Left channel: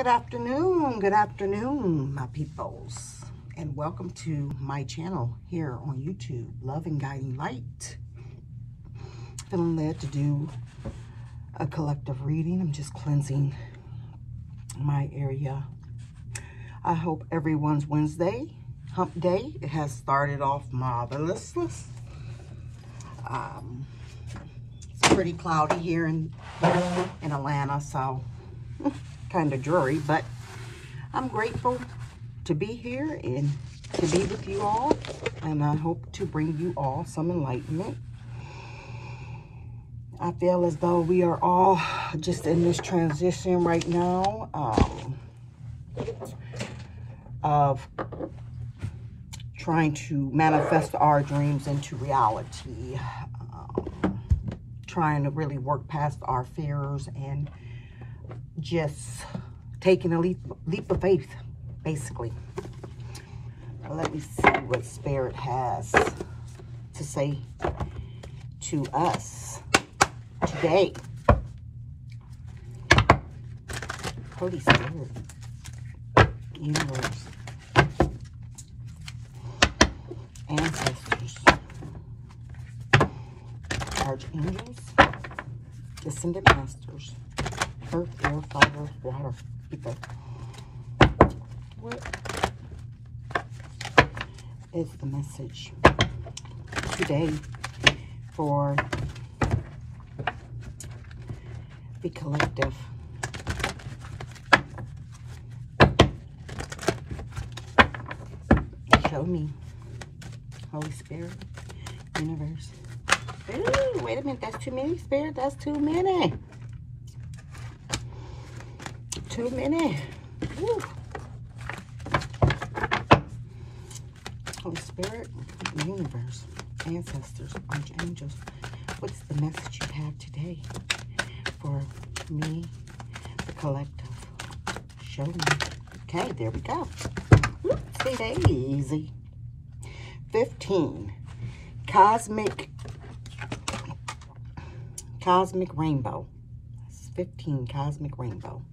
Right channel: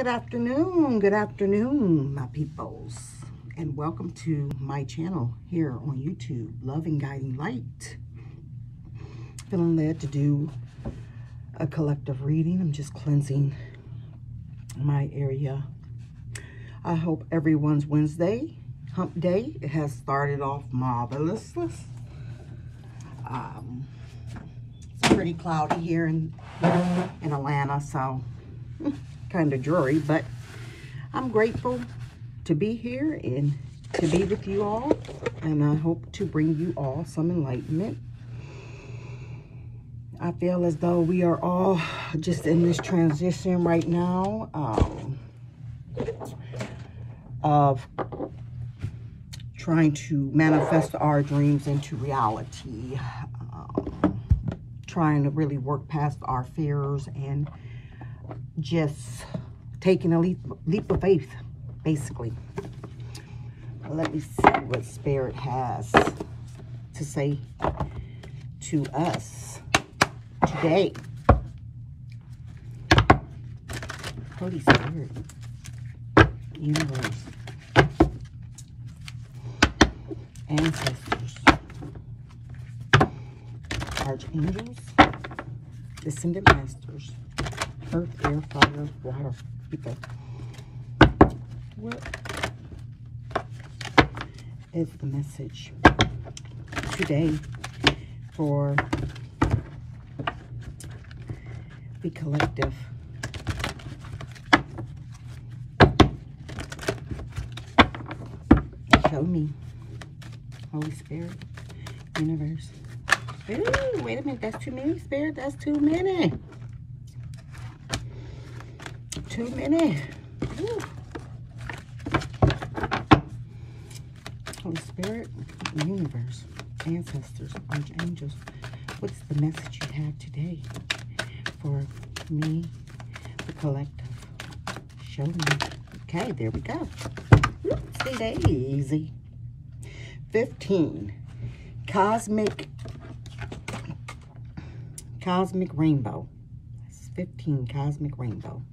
Good afternoon, my peoples, and welcome to my channel here on YouTube, Love and Guiding Light. Feeling led to do a collective reading. I'm just cleansing my area. I hope everyone's Wednesday, hump day, it has started off marvelous. It's pretty cloudy here in Atlanta, so kind of dreary, but I'm grateful to be here and to be with you all, and I hope to bring you all some enlightenment. I feel as though we are all just in this transition right now of trying to manifest our dreams into reality, trying to really work past our fears and just taking a leap of faith, basically. Let me see what Spirit has to say to us today. Holy Spirit, universe, ancestors, archangels, descendant masters, earth, air, fire, water, ether. What is the message today for the collective? Show me, Holy Spirit, universe. Ooh, wait a minute, that's too many, Spirit, that's too many. Too many. Ooh. Holy Spirit, universe, ancestors, archangels, what's the message you have today for me, the collective? Show me. Okay, there we go. Oopsie daisy. 15. Cosmic rainbow. 15, cosmic rainbow.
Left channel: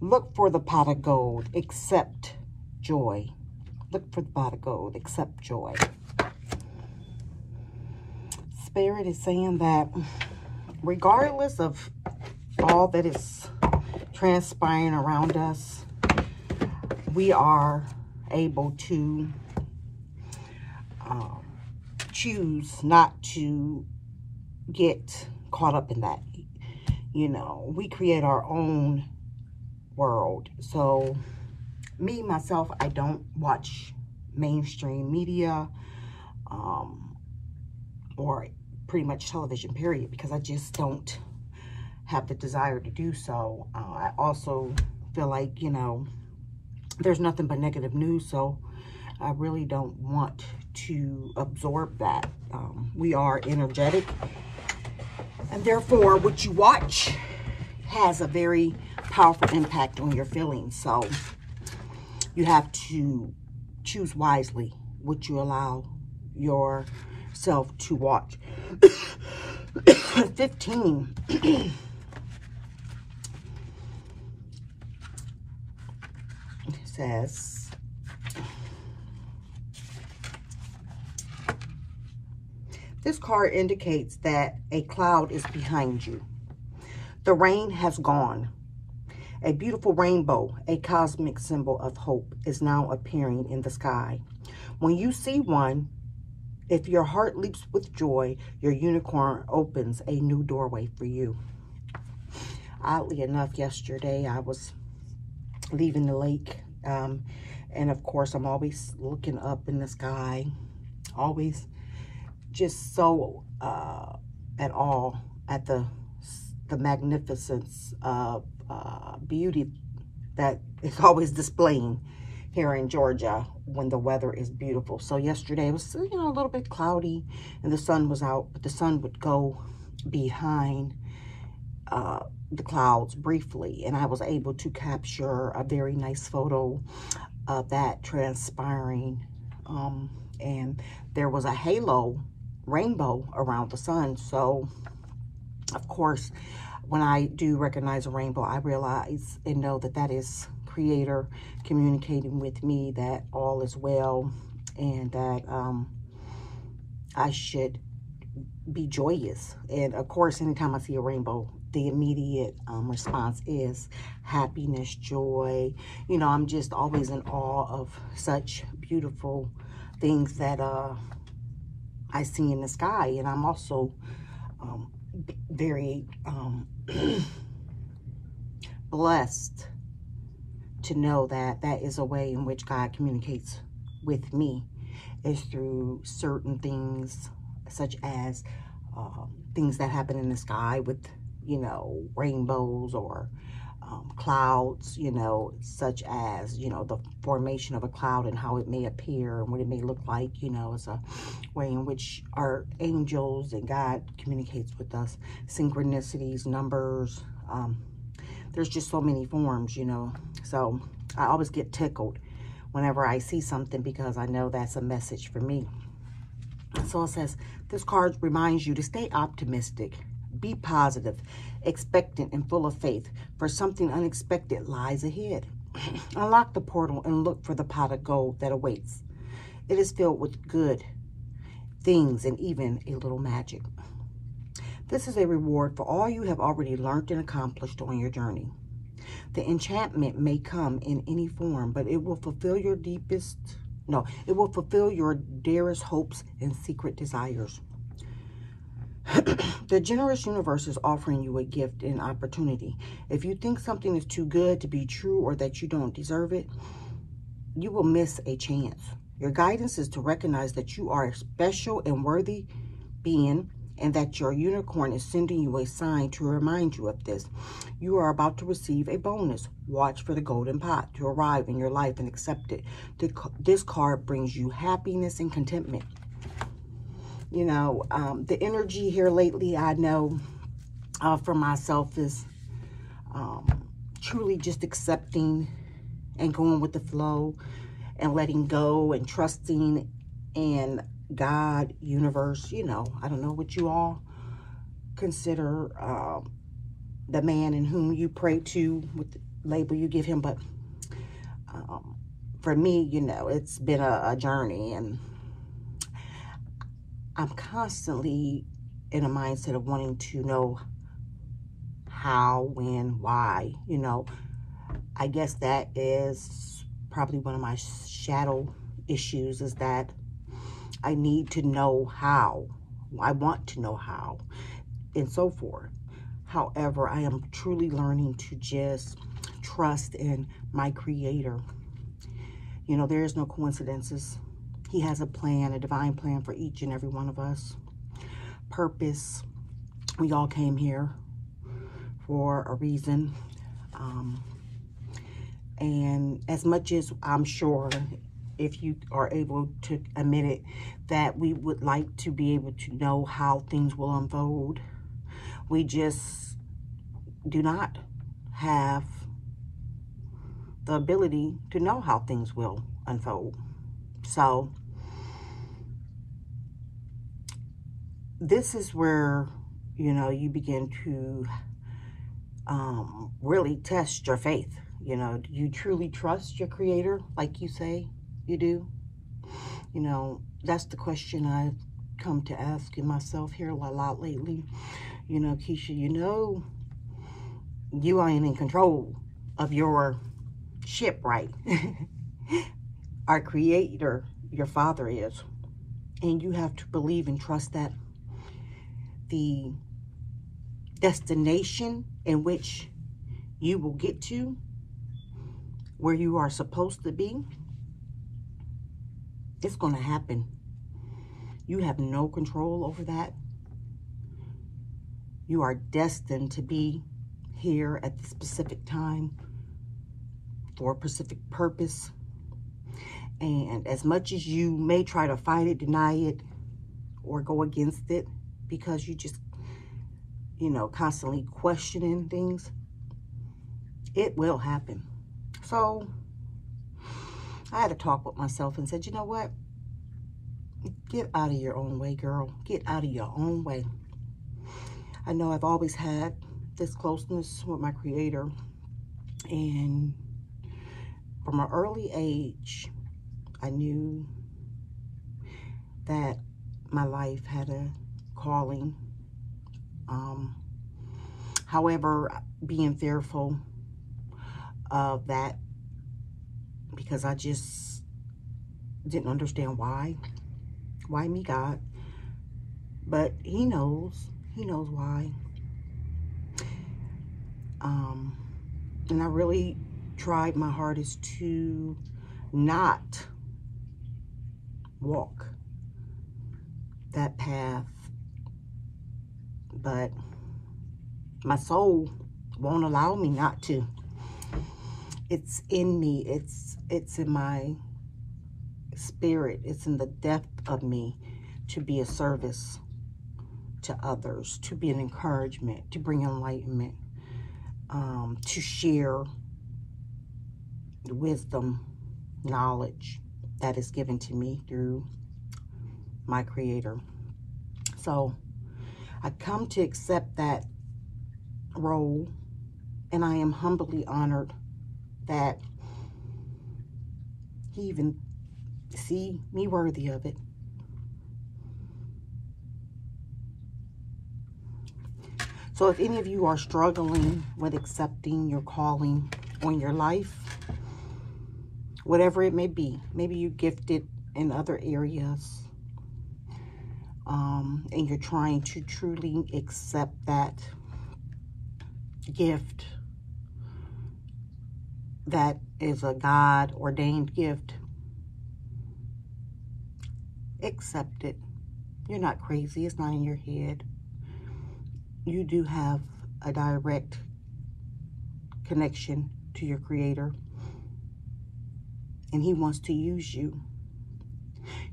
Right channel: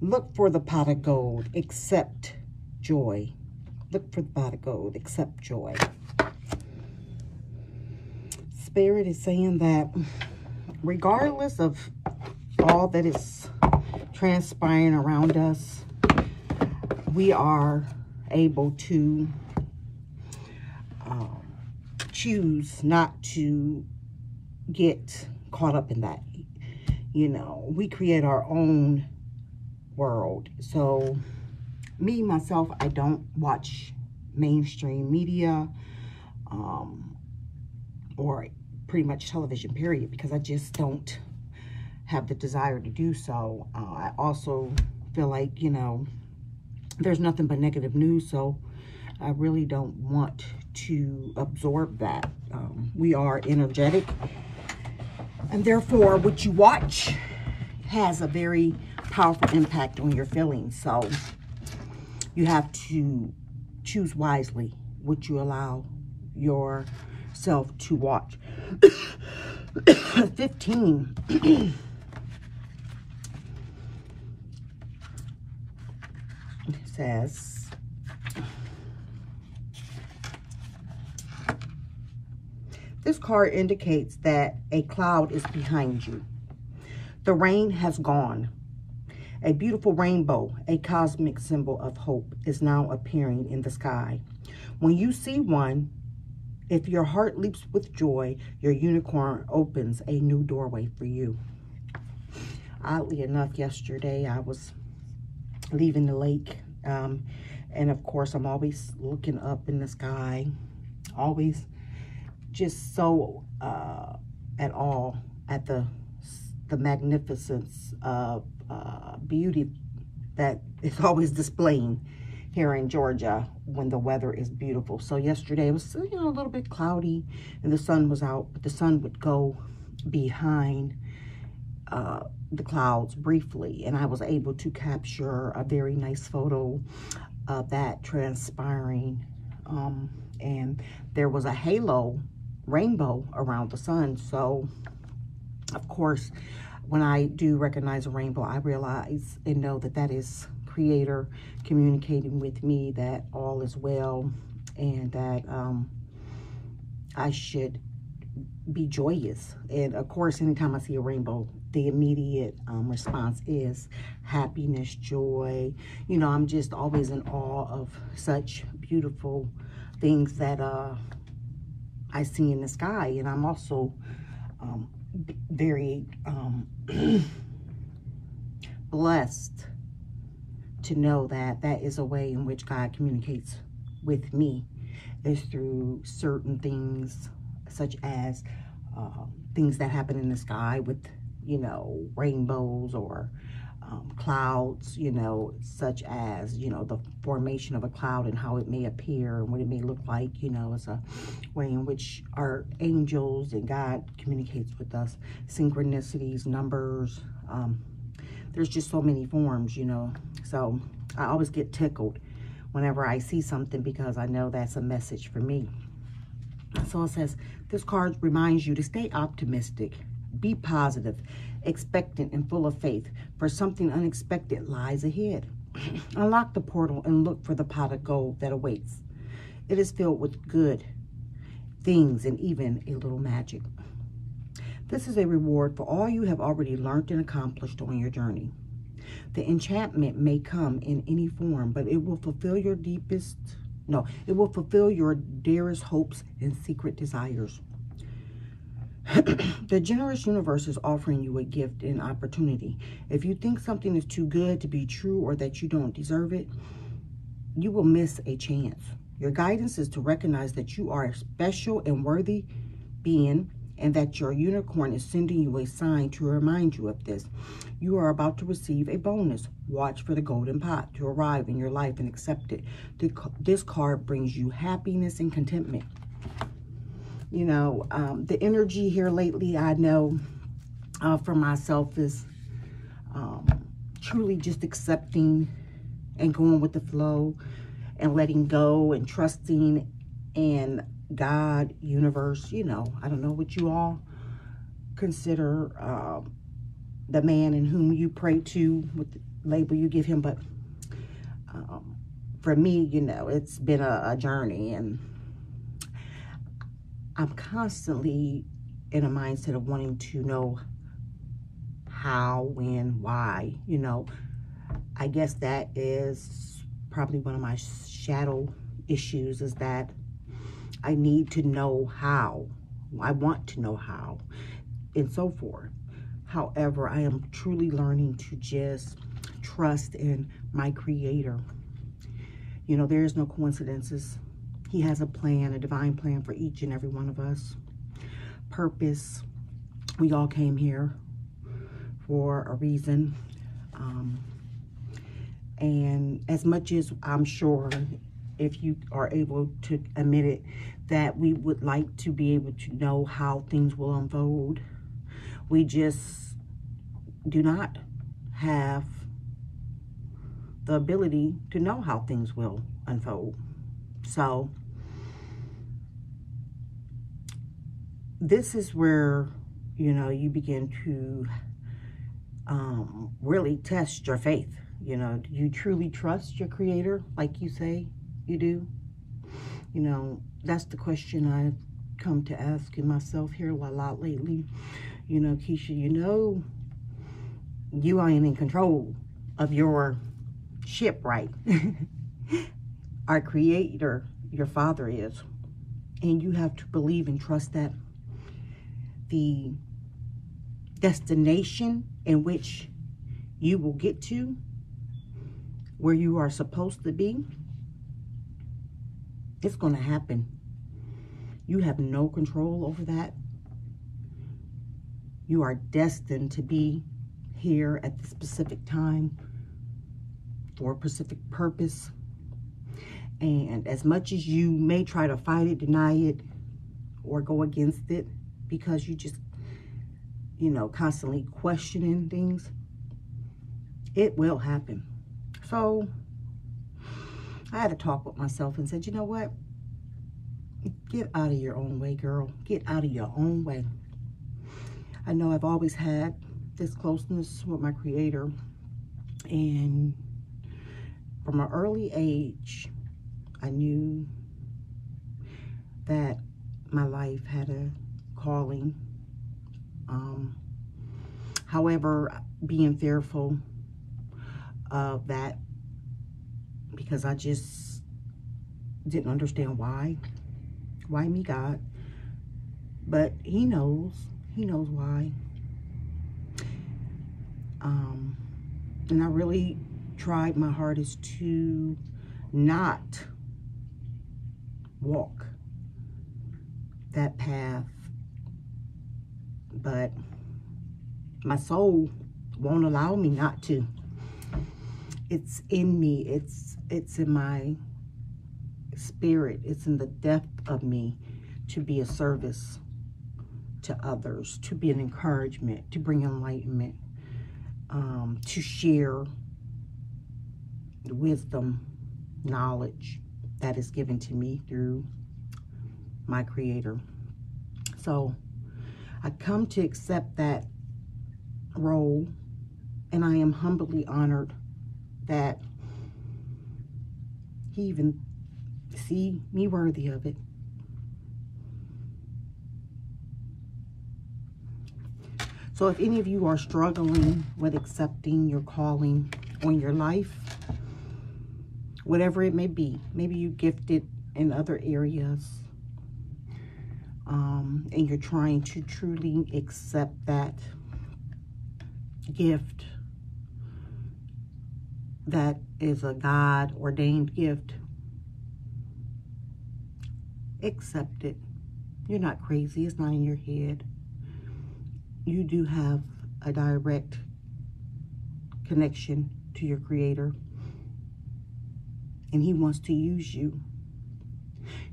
Look for the pot of gold, accept joy. Look for the pot of gold, accept joy. Spirit is saying that regardless of all that is transpiring around us, we are able to choose not to get caught up in that. You know, we create our own world. So me, myself, I don't watch mainstream media or pretty much television, period, because I just don't have the desire to do so. I also feel like, you know, there's nothing but negative news, so I really don't want to absorb that. We are energetic, and therefore what you watch has a very powerful impact on your feelings. So you have to choose wisely what you allow yourself to watch. 15. It says, this card indicates that a cloud is behind you. The rain has gone. A beautiful rainbow, a cosmic symbol of hope, is now appearing in the sky. When you see one, if your heart leaps with joy, your unicorn opens a new doorway for you. Oddly enough, yesterday I was leaving the lake, and of course I'm always looking up in the sky, always just so at awe at the magnificence of beauty that is always displaying here in Georgia when the weather is beautiful. So yesterday it was, you know, a little bit cloudy and the sun was out, but the sun would go behind the clouds briefly, and I was able to capture a very nice photo of that transpiring, and there was a halo rainbow around the sun. So of course when I do recognize a rainbow, I realize and know that that is Creator communicating with me that all is well, and that I should be joyous. And of course, anytime I see a rainbow, the immediate response is happiness, joy. You know, I'm just always in awe of such beautiful things that I see in the sky. And I'm also very blessed to know that that is a way in which God communicates with me, is through certain things, such as things that happen in the sky with, you know, rainbows, or clouds, you know, such as, you know, the formation of a cloud and how it may appear and what it may look like. You know, it's a way in which our angels and God communicates with us. Synchronicities, numbers, there's just so many forms, you know. So I always get tickled whenever I see something, because I know that's a message for me. So it says, this card reminds you to stay optimistic, be positive, expectant, and full of faith, for something unexpected lies ahead. Unlock the portal and look for the pot of gold that awaits. It is filled with good things and even a little magic. This is a reward for all you have already learned and accomplished on your journey. The enchantment may come in any form, but it will fulfill your it will fulfill your dearest hopes and secret desires. The generous universe is offering you a gift and opportunity. If you think something is too good to be true, or that you don't deserve it, you will miss a chance. Your guidance is to recognize that you are a special and worthy being, and that your unicorn is sending you a sign to remind you of this. You are about to receive a bonus. Watch for the golden pot to arrive in your life and accept it. This card brings you happiness and contentment. You know, the energy here lately, I know for myself, is truly just accepting and going with the flow and letting go and trusting in God, universe. You know, I don't know what you all consider the man in whom you pray to, with the label you give him, but for me, you know, it's been a journey, and I'm constantly in a mindset of wanting to know how, when, why. You know, I guess that is probably one of my shadow issues, is that I need to know how. I want to know how, and so forth. However, I am truly learning to just trust in my Creator. You know, there is no coincidences. He has a plan, a divine plan for each and every one of us. Purpose. We all came here for a reason. And as much as I'm sure, if you are able to admit it, that we would like to be able to know how things will unfold, we just do not have the ability to know how things will unfold. So this is where, you know, you begin to really test your faith. You know, do you truly trust your Creator like you say you do? You know, that's the question I've come to ask myself here a lot lately. You know, Keisha, you know, you ain't in control of your ship, right? Our Creator, your Father, is. And you have to believe and trust that the destination in which you will get to, where you are supposed to be, it's going to happen. You have no control over that. You are destined to be here at the specific time for a specific purpose. And as much as you may try to fight it, deny it, or go against it, because you just, you know, constantly questioning things, it will happen. So I had to talk with myself and said, you know what? Get out of your own way, girl. Get out of your own way. I know I've always had this closeness with my Creator. And from an early age, I knew that my life had a calling. However, being fearful of that, because I just didn't understand why. Why me, God? But He knows. He knows why. And I really tried my hardest to not walk that path. But my soul won't allow me not to. It's in me. It's in my spirit. It's in the depth of me to be a service to others, to be an encouragement, to bring enlightenment, to share wisdom, knowledge that is given to me through my Creator. So I come to accept that role, and I am humbly honored that He even see me worthy of it. So if any of you are struggling with accepting your calling on your life, whatever it may be, maybe you're gifted in other areas, and you're trying to truly accept that gift that is a God-ordained gift, accept it. You're not crazy. It's not in your head. You do have a direct connection to your Creator, and He wants to use you.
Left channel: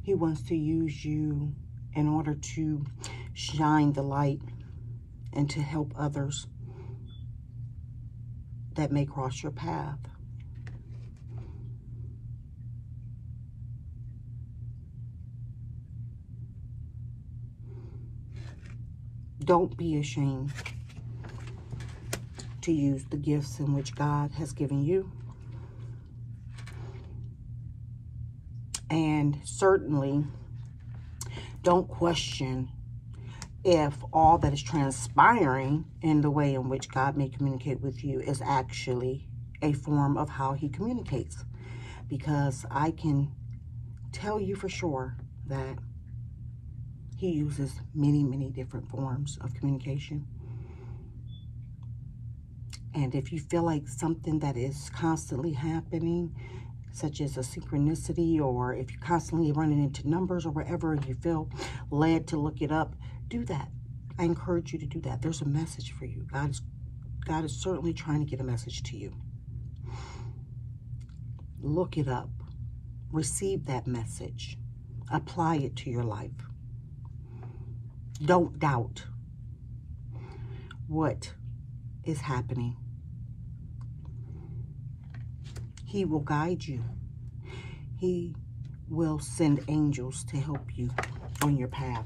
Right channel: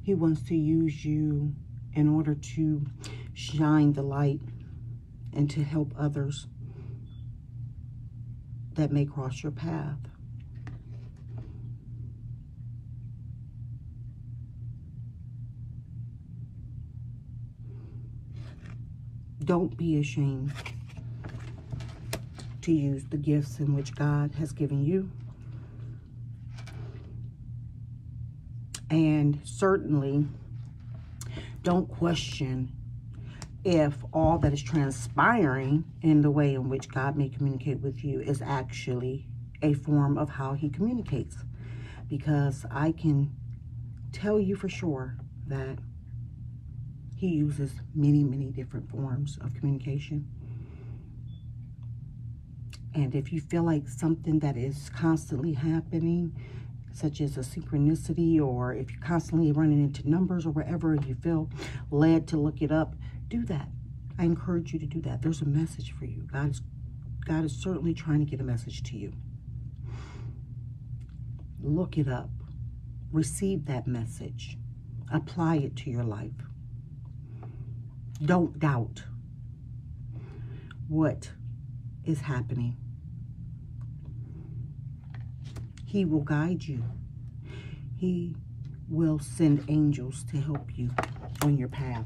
He wants to use you in order to shine the light and to help others that may cross your path. Don't be ashamed to use the gifts in which God has given you. And certainly, don't question if all that is transpiring in the way in which God may communicate with you is actually a form of how He communicates. Because I can tell you for sure that He uses many, many different forms of communication. And if you feel like something that is constantly happening, such as a synchronicity, or if you're constantly running into numbers or wherever you feel led to look it up, do that. I encourage you to do that. There's a message for you. God is certainly trying to get a message to you. Look it up. Receive that message. Apply it to your life. Don't doubt what is happening. He will guide you. He will send angels to help you on your path.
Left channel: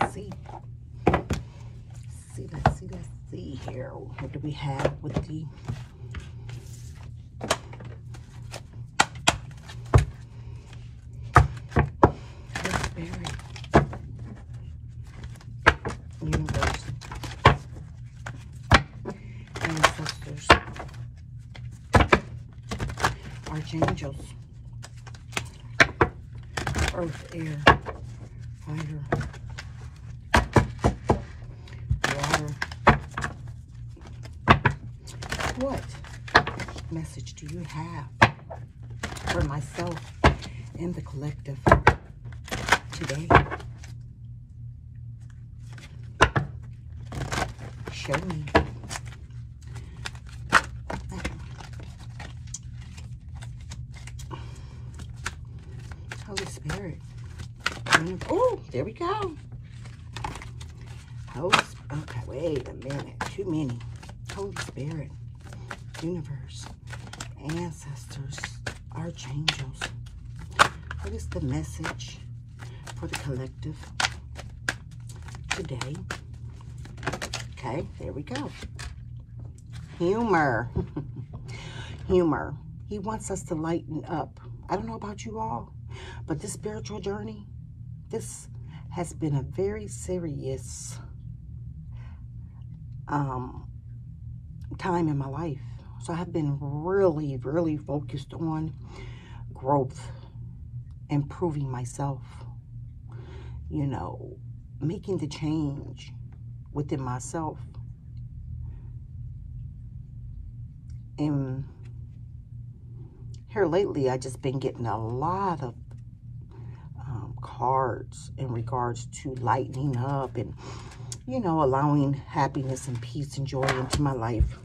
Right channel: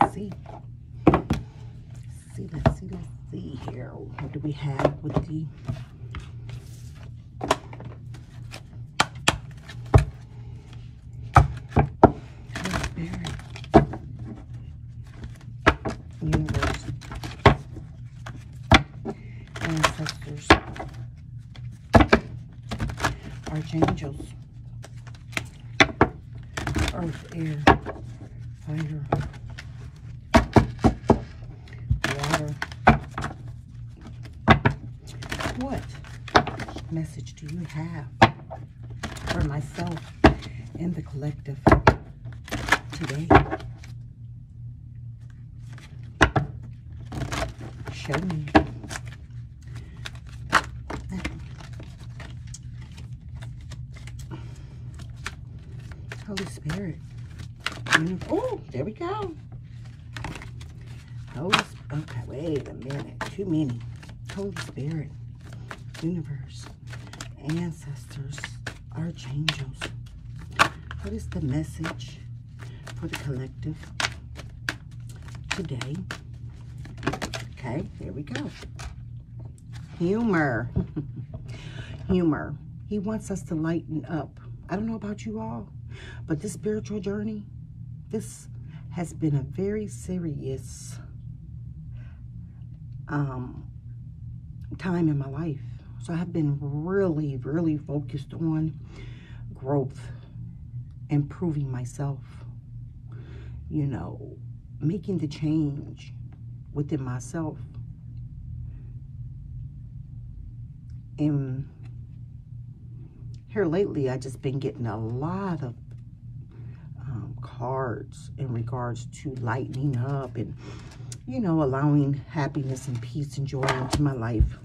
Let's see here. What do we have with the universe, ancestors, archangels, earth, air, fire, water? What message do you have for myself and the collective today? Show me. Holy Spirit. Oh, there we go. Okay, wait a minute. Too many. Holy Spirit, universe, ancestors, archangels. What is the message for the collective today. Okay, there we go. Humor. Humor. He wants us to lighten up. I don't know about you all, but this spiritual journey, this has been a very serious time in my life. So I have been really, really focused on growth, improving myself, you know, making the change within myself. And here lately, I just been getting a lot of cards in regards to lightening up and, you know, allowing happiness and peace and joy into my life.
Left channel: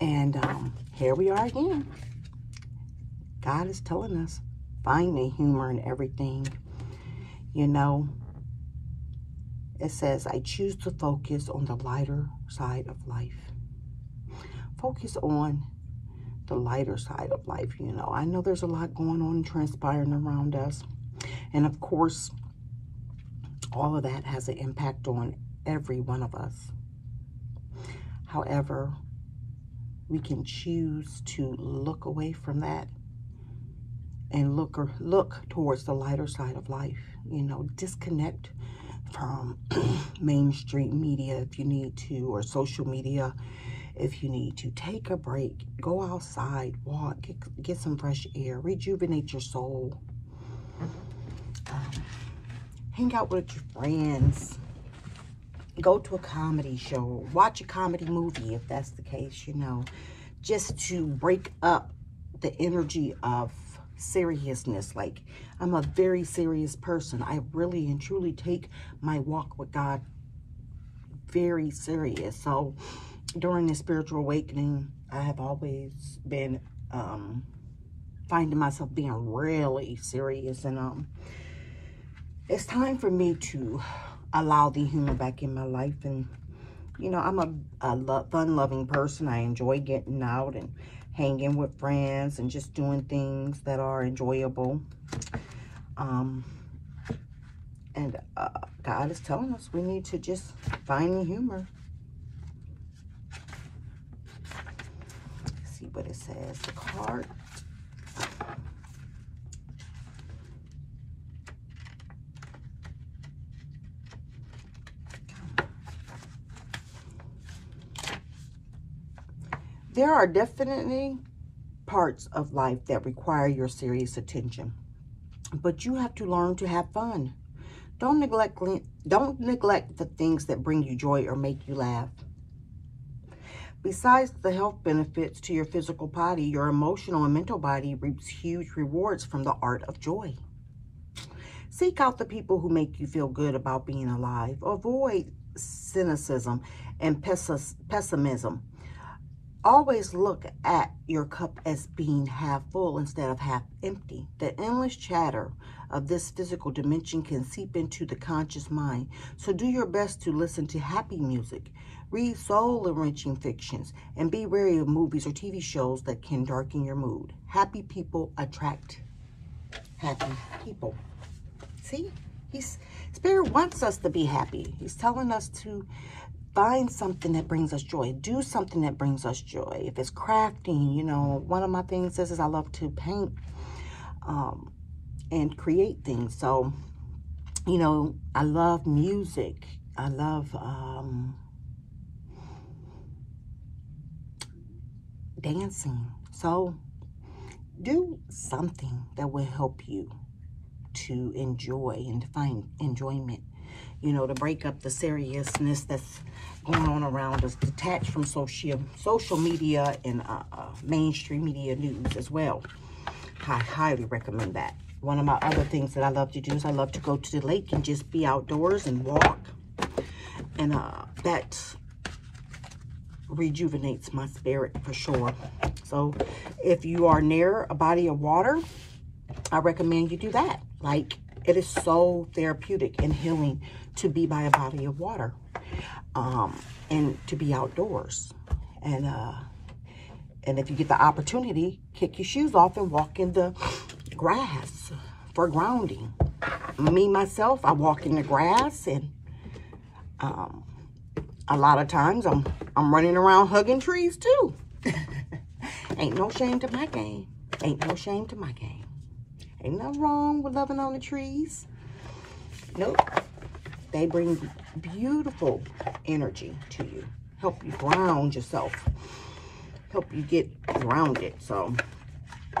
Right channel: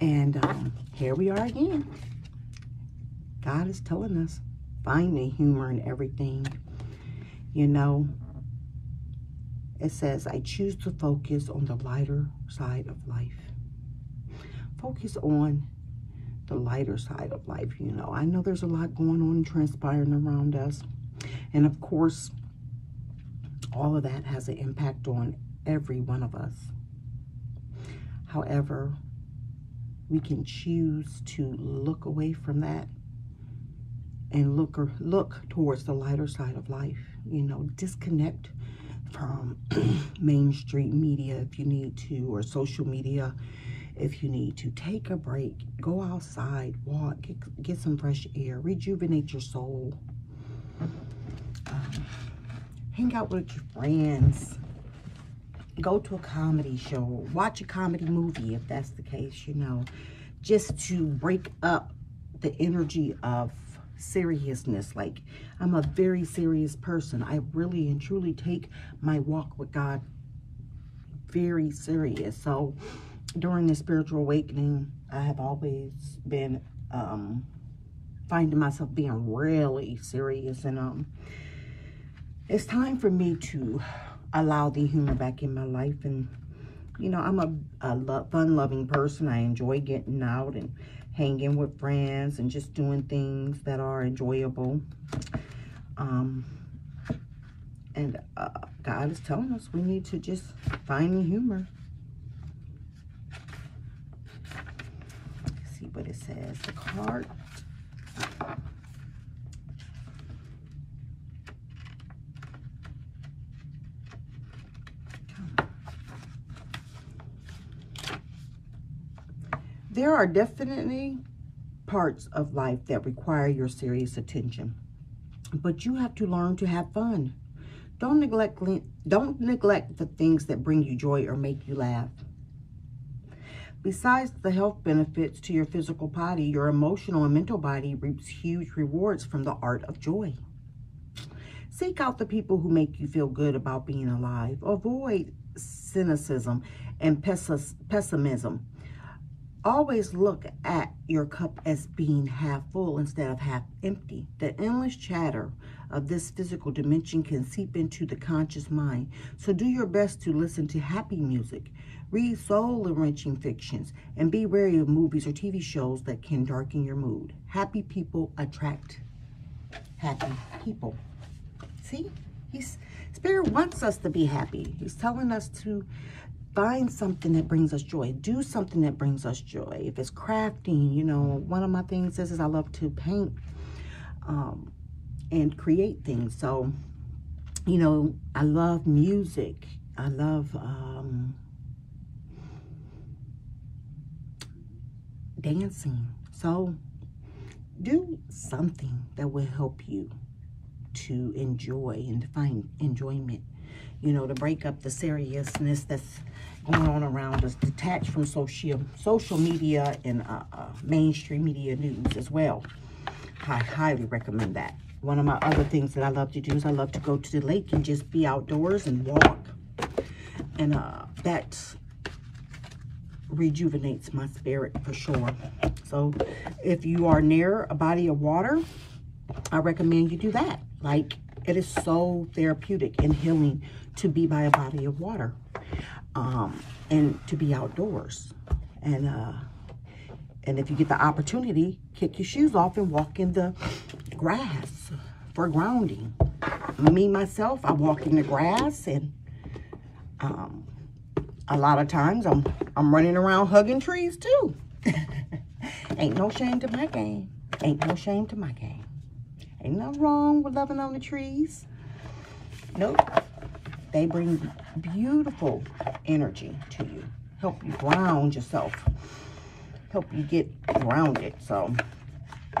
And here we are again. God is telling us, find the humor in everything. You know, it says, I choose to focus on the lighter side of life. Focus on the lighter side of life. You know, I know there's a lot going on and transpiring around us. And of course, all of that has an impact on every one of us. However, we can choose to look away from that and look towards the lighter side of life. You know, disconnect from mainstream media if you need to, or social media if you need to. Take a break, go outside, walk, get some fresh air, rejuvenate your soul. Hang out with your friends. Go to a comedy show. Watch a comedy movie if that's the case, you know. Just to break up the energy of seriousness. Like, I'm a very serious person. I really and truly take my walk with God very serious. So during this spiritual awakening, I have always been finding myself being really serious. And it's time for me to allow the humor back in my life. And, you know, I'm a fun-loving person. I enjoy getting out and hanging with friends and just doing things that are enjoyable. And God is telling us we need to just find the humor. Let's see what it says. The card. There are definitely parts of life that require your serious attention, but you have to learn to have fun. Don't neglect the things that bring you joy or make you laugh. Besides the health benefits to your physical body, your emotional and mental body reaps huge rewards from the art of joy. Seek out the people who make you feel good about being alive. Avoid cynicism and pessimism. Always look at your cup as being half full instead of half empty. The endless chatter of this physical dimension can seep into the conscious mind. So do your best to listen to happy music, read soul-enriching fictions, and be wary of movies or TV shows that can darken your mood. Happy people attract happy people. See? Spirit wants us to be happy. He's telling us to find something that brings us joy. Do something that brings us joy. If it's crafting, you know, one of my things is I love to paint and create things. So, you know, I love music. I love dancing. So do something that will help you to enjoy and to find enjoyment. You know, to break up the seriousness that's going on around us, detached from social media and mainstream media news as well. I highly recommend that. One of my other things that I love to do is I love to go to the lake and just be outdoors and walk. And that rejuvenates my spirit for sure. So if you are near a body of water, I recommend you do that. Like, it is so therapeutic and healing to be by a body of water, and to be outdoors. And if you get the opportunity, kick your shoes off and walk in the grass for grounding. myself, I walk in the grass, and a lot of times I'm running around hugging trees too. Ain't no shame to my game. Ain't no shame to my game. Ain't nothing wrong with loving on the trees. Nope. They bring beautiful energy to you. Help you ground yourself. Help you get grounded. So,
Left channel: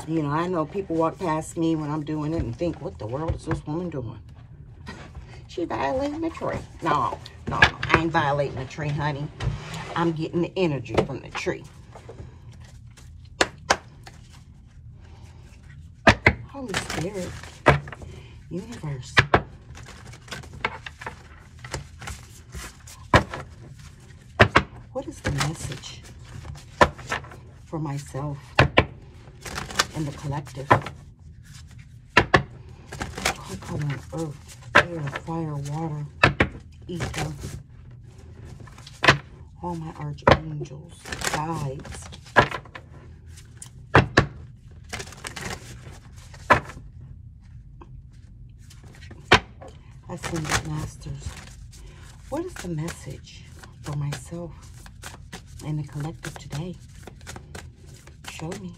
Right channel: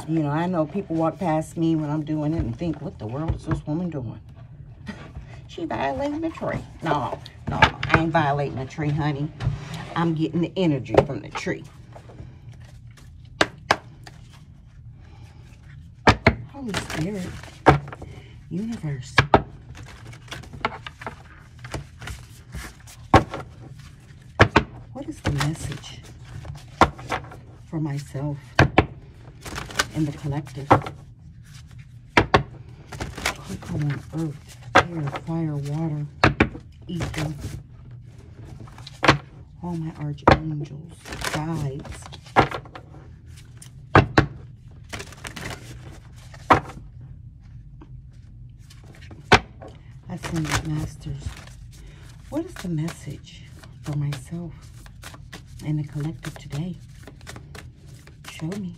you know, I know people walk past me when I'm doing it and think, what the world is this woman doing? She violating the tree. No, I ain't violating the tree, honey. I'm getting the energy from the tree. Holy Spirit, universe. What is the message for myself and the collective? Come on, earth, air, fire, water, ether. All my archangels, guides. Ascended masters. What is the message for myself and the collective today? Show me.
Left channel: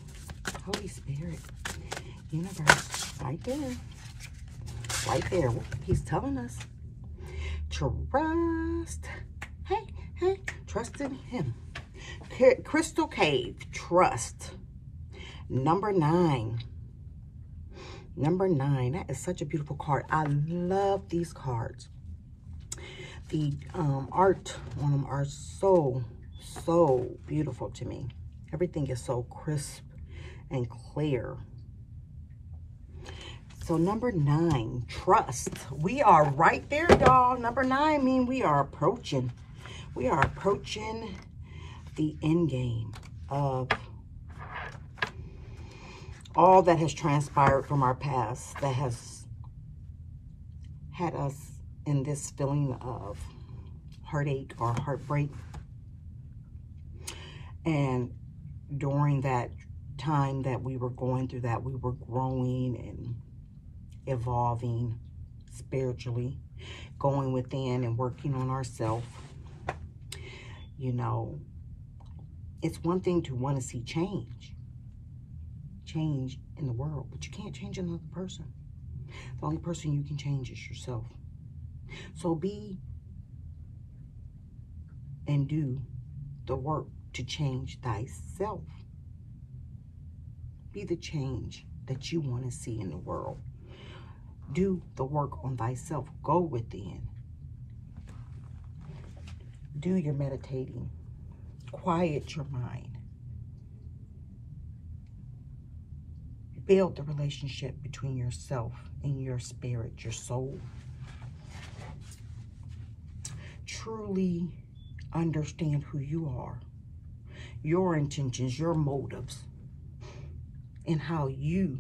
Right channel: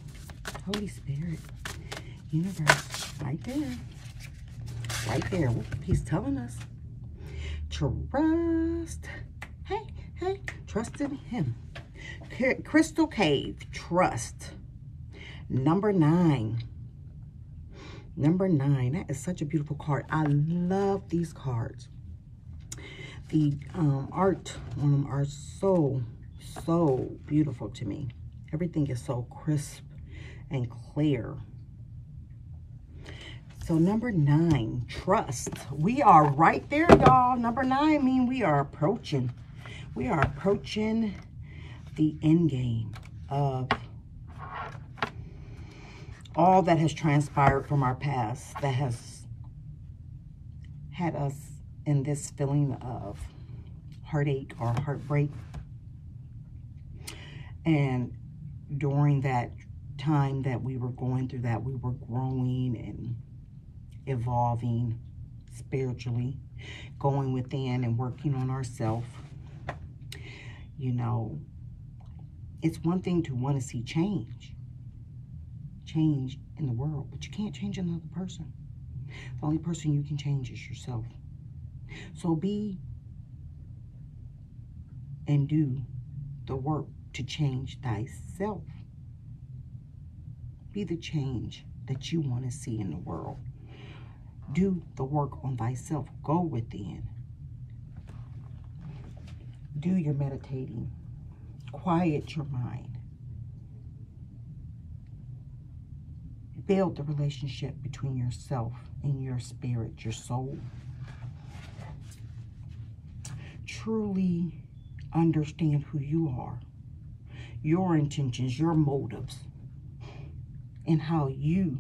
Holy Spirit. Universe. Right there. Right there. What he's telling us. Trust. Hey. Trust in him. Crystal Cave. Trust. Number 9. Number 9. That is such a beautiful card. I love these cards. The art on them are so beautiful to me. Everything is so crisp and clear. So number 9, trust. We are right there, y'all. Number 9 means we are approaching. We are approaching the end game of all that has transpired from our past that has had us in this feeling of heartache or heartbreak. And during that time that we were going through that, we were growing and evolving spiritually, going within and working on ourselves. You know, it's one thing to want to see change in the world, but you can't change another person. The only person you can change is yourself. So be and do the work to change thyself. Be the change that you want to see in the world. Do the work on thyself. Go within. Do your meditating. Quiet your mind. Build the relationship between yourself and your spirit, your soul. Truly understand who you are, your intentions, your motives, and how you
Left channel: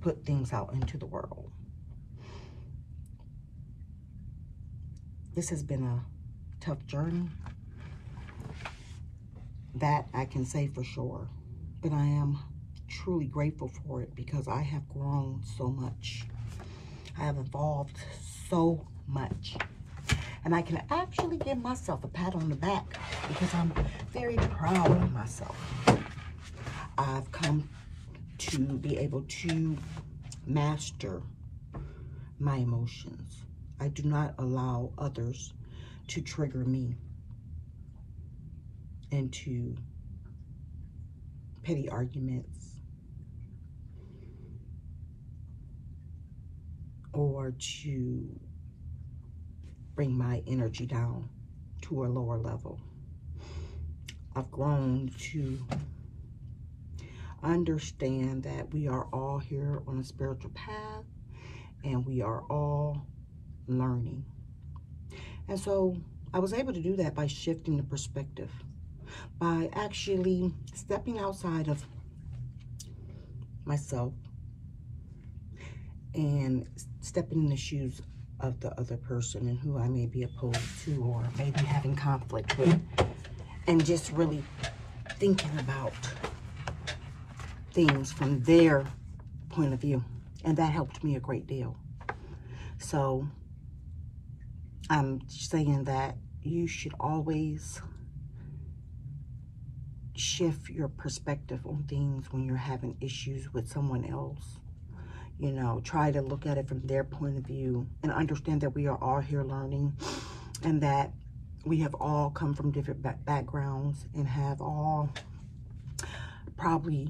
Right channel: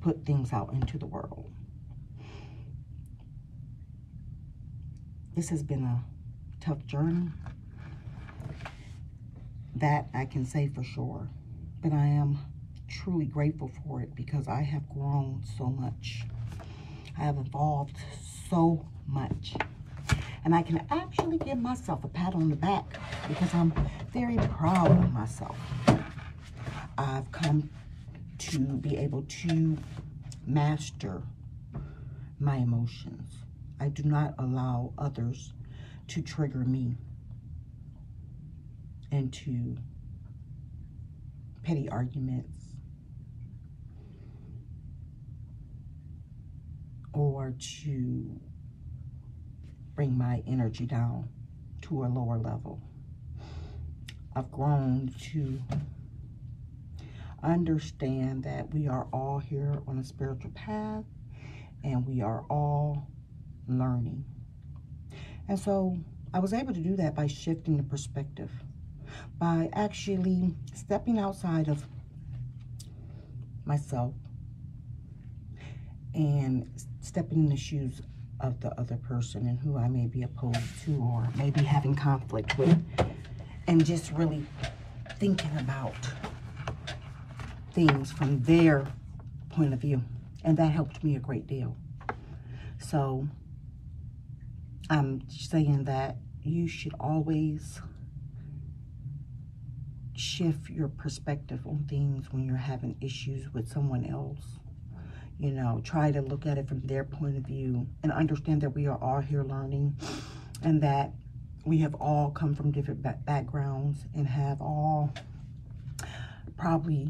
put things out into the world. This has been a tough journey. That I can say for sure. But I am truly grateful for it because I have grown so much. I have evolved so much. And I can actually give myself a pat on the back because I'm very proud of myself. I've come to be able to master my emotions. I do not allow others to trigger me into petty arguments or to bring my energy down to a lower level. I've grown to understand that we are all here on a spiritual path and we are all learning. And so I was able to do that by shifting the perspective, by actually stepping outside of myself and stepping in the shoes of the other person and who I may be opposed to or maybe having conflict with, and just really thinking about things from their point of view. And that helped me a great deal. So I'm saying that you should always shift your perspective on things when you're having issues with someone else. You know, try to look at it from their point of view and understand that we are all here learning, and that we have all come from different backgrounds and have all probably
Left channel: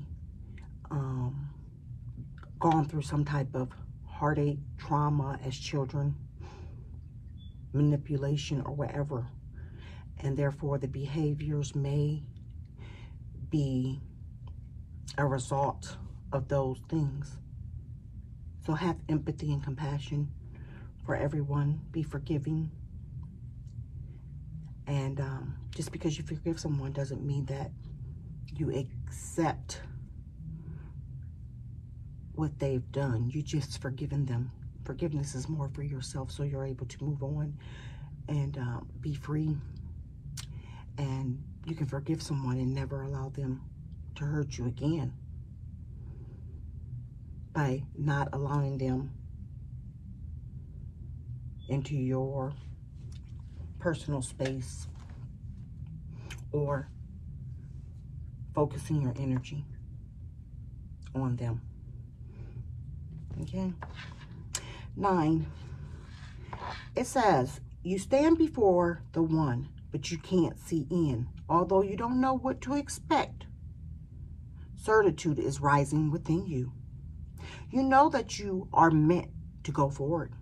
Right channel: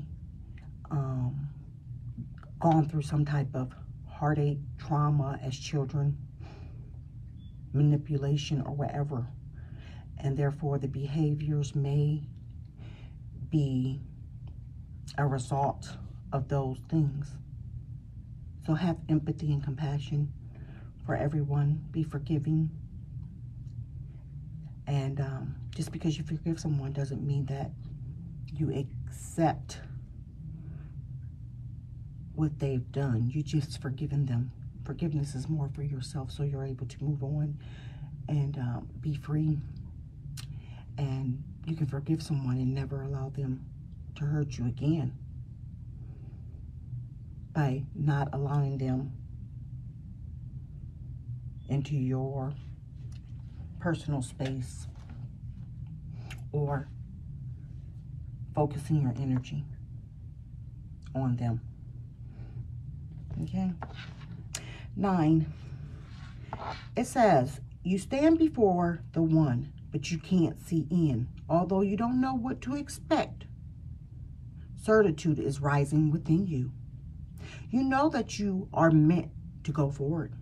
gone through some type of heartache, trauma as children, manipulation or whatever. And therefore the behaviors may be a result of those things. So have empathy and compassion for everyone. Be forgiving. And just because you forgive someone doesn't mean that you accept what they've done. You just forgiven them. Forgiveness is more for yourself, so you're able to move on and be free. And you can forgive someone and never allow them to hurt you again by not allowing them into your personal space or focusing your energy on them. Okay? 9, it says, you stand before the one, but you can't see in. Although you don't know what to expect, certitude is rising within you. You know that you are meant to go forward.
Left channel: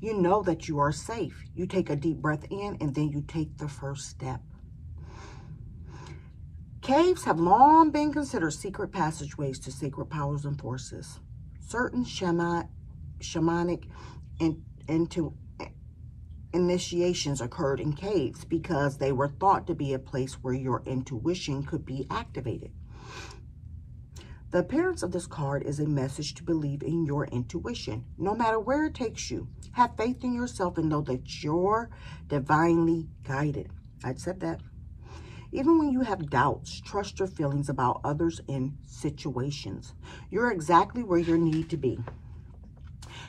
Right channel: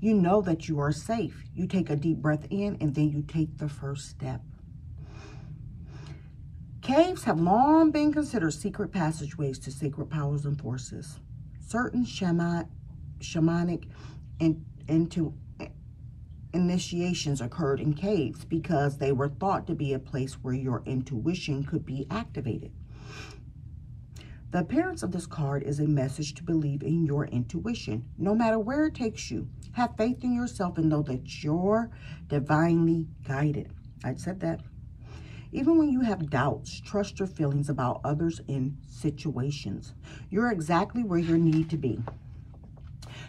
You know that you are safe. You take a deep breath in and then you take the first step. Caves have long been considered secret passageways to sacred powers and forces. Certain shamanic initiations occurred in caves because they were thought to be a place where your intuition could be activated. The appearance of this card is a message to believe in your intuition, no matter where it takes you. Have faith in yourself and know that you're divinely guided. I said that. Even when you have doubts, trust your feelings about others and situations. You're exactly where you need to be.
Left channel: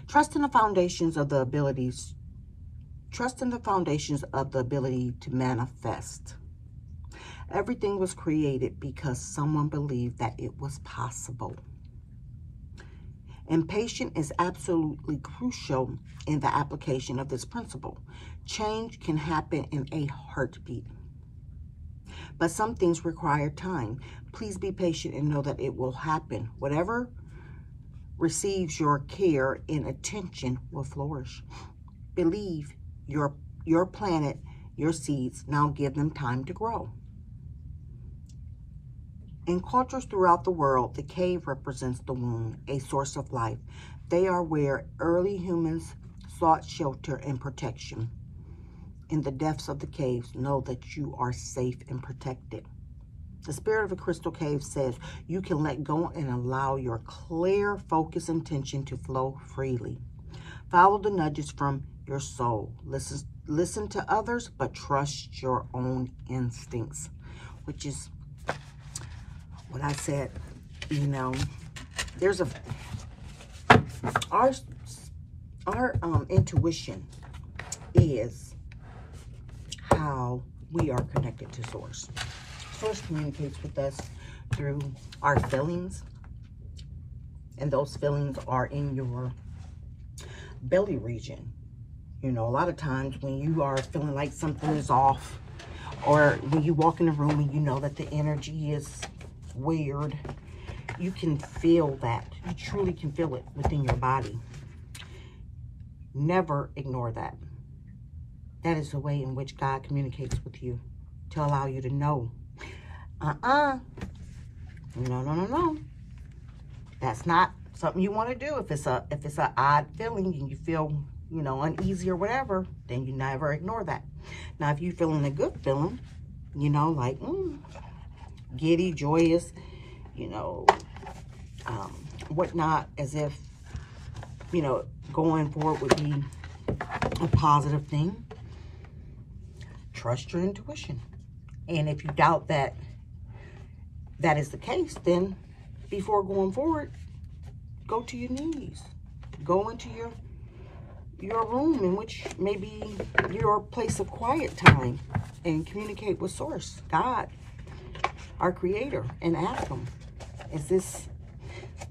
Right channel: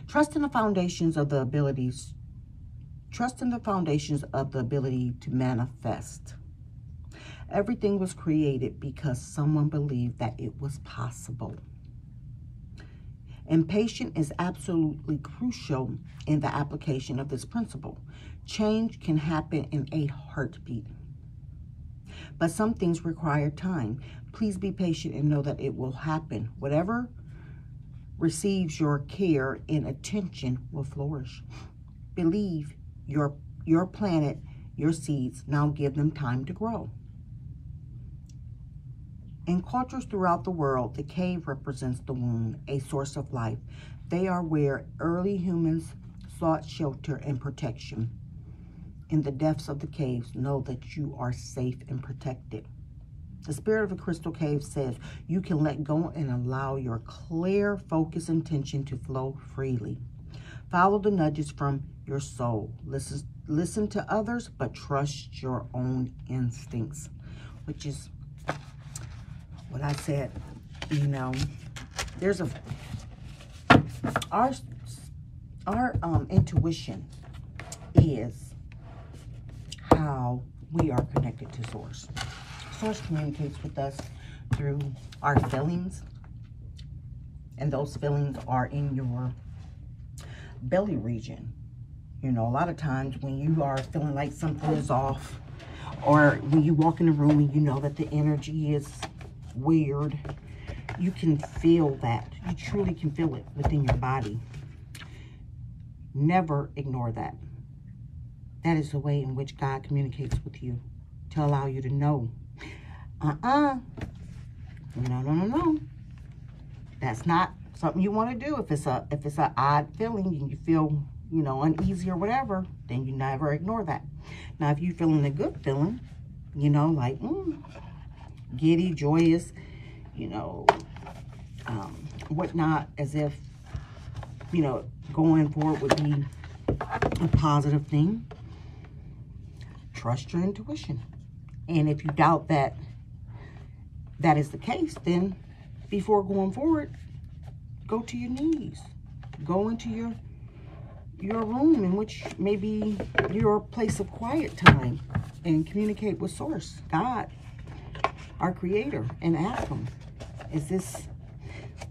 Trust in the foundations of the abilities. Trust in the foundations of the ability to manifest. Everything was created because someone believed that it was possible. And patience is absolutely crucial in the application of this principle. Change can happen in a heartbeat. But some things require time. Please be patient and know that it will happen. Whatever receives your care and attention will flourish. Believe your planet, your seeds. Now give them time to grow. In cultures throughout the world, the cave represents the womb, a source of life. They are where early humans sought shelter and protection. In the depths of the caves, know that you are safe and protected. The spirit of a crystal cave says you can let go and allow your clear, focused intention to flow freely. Follow the nudges from your soul. Listen to others, but trust your own instincts, which is what I said. You know, there's our intuition is how we are connected to Source. Source communicates with us through our feelings, and those feelings are in your belly region. You know, a lot of times when you are feeling like something is off, or when you walk in a room and you know that the energy is weird, you can feel that. You truly can feel it within your body. Never ignore that. That is the way in which God communicates with you, to allow you to know. No. That's not something you want to do. If it's a odd feeling and you feel, you know, uneasy or whatever, then you never ignore that. Now, if you're feeling a good feeling, you know, like giddy, joyous, you know, whatnot, as if, you know, going forward would be a positive thing. Trust your intuition. And if you doubt that that is the case, then before going forward, go to your knees. Go into your room in which maybe your place of quiet time and communicate with Source, God, our Creator, and ask Him, is this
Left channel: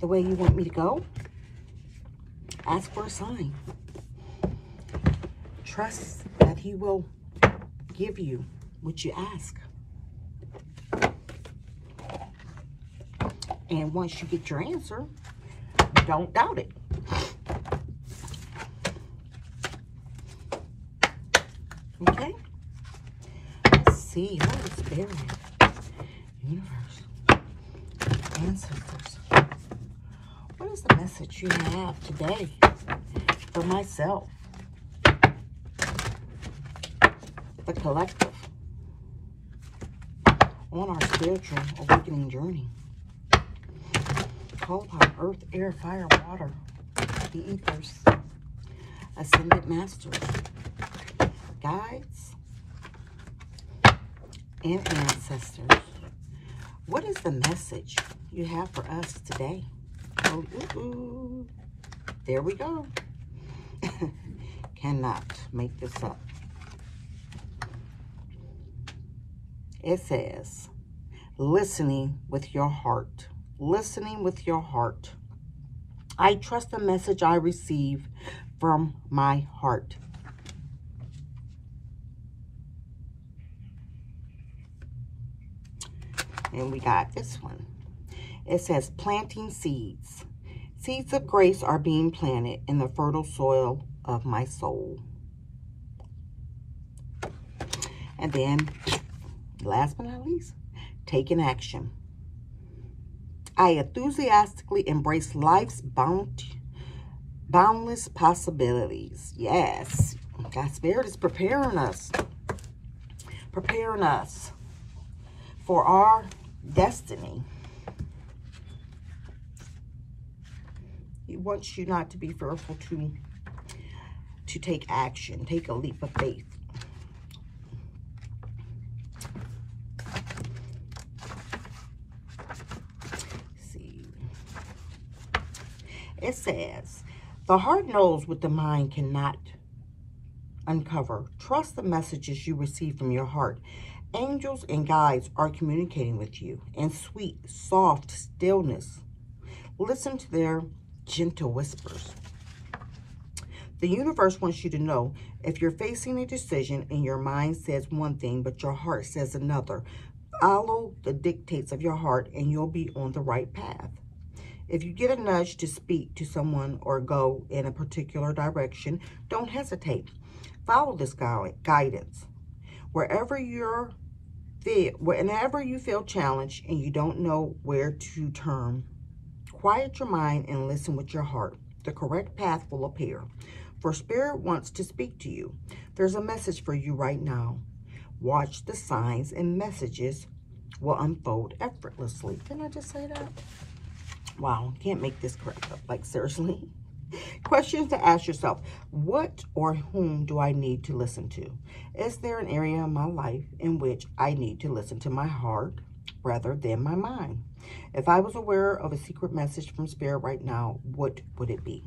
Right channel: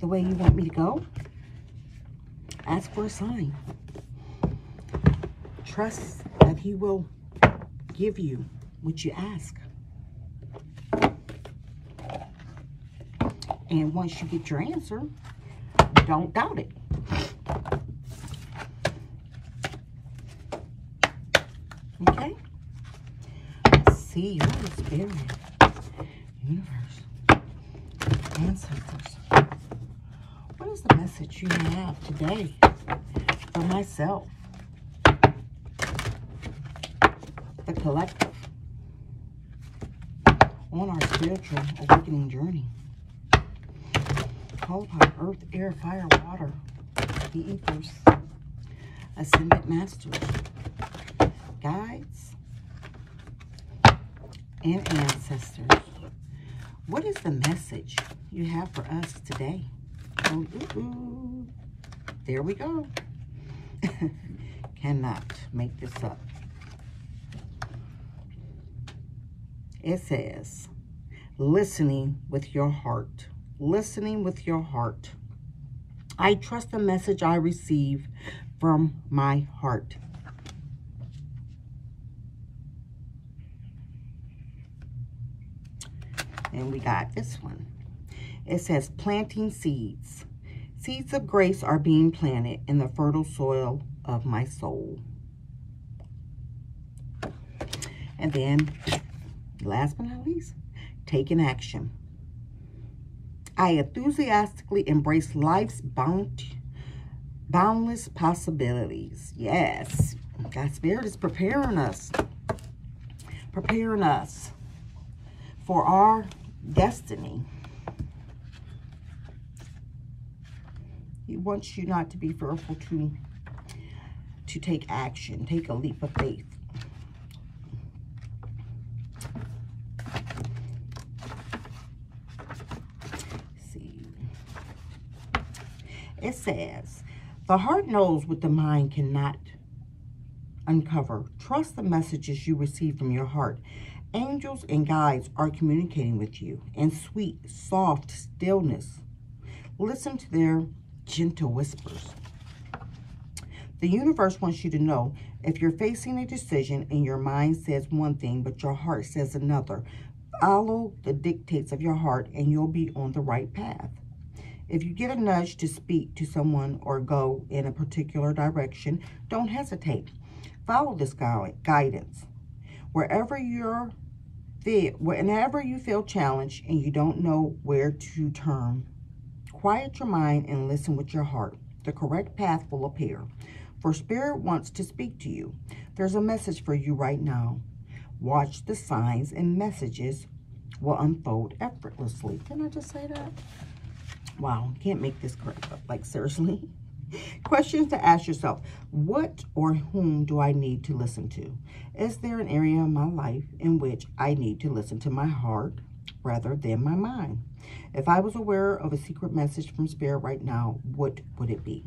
the way you want me to go? Ask for a sign. Trust that He will give you what you ask. And once you get your answer, don't doubt it. Okay? Let's see. Holy Spirit, universe, ancestors. What is the message you have today for myself, the collective, on our spiritual awakening journey? Call upon earth, air, fire, water, the ethers, ascended masters, guides, and ancestors. What is the message you have for us today? Oh, there we go. Cannot make this up. It says, listening with your heart. Listening with your heart. I trust the message I receive from my heart. And we got this one. It says, planting seeds. Seeds of grace are being planted in the fertile soil of my soul. And then, last but not least, taking action. I enthusiastically embrace life's boundless possibilities. Yes, God's Spirit is preparing us for our destiny. He wants you not to be fearful to take action, take a leap of faith. It says, the heart knows what the mind cannot uncover. Trust the messages you receive from your heart. Angels and guides are communicating with you in sweet, soft stillness. Listen to their gentle whispers. The universe wants you to know, if you're facing a decision and your mind says one thing but your heart says another, follow the dictates of your heart and you'll be on the right path. If you get a nudge to speak to someone or go in a particular direction, don't hesitate. Follow this guidance. Whenever you feel challenged and you don't know where to turn, quiet your mind and listen with your heart. The correct path will appear. For Spirit wants to speak to you. There's a message for you right now. Watch the signs and messages will unfold effortlessly. Didn't I just say that? Wow, can't make this correct up. Like, seriously? Questions to ask yourself. What or whom do I need to listen to? Is there an area in my life in which I need to listen to my heart rather than my mind? If I was aware of a secret message from Spirit right now, what would it be?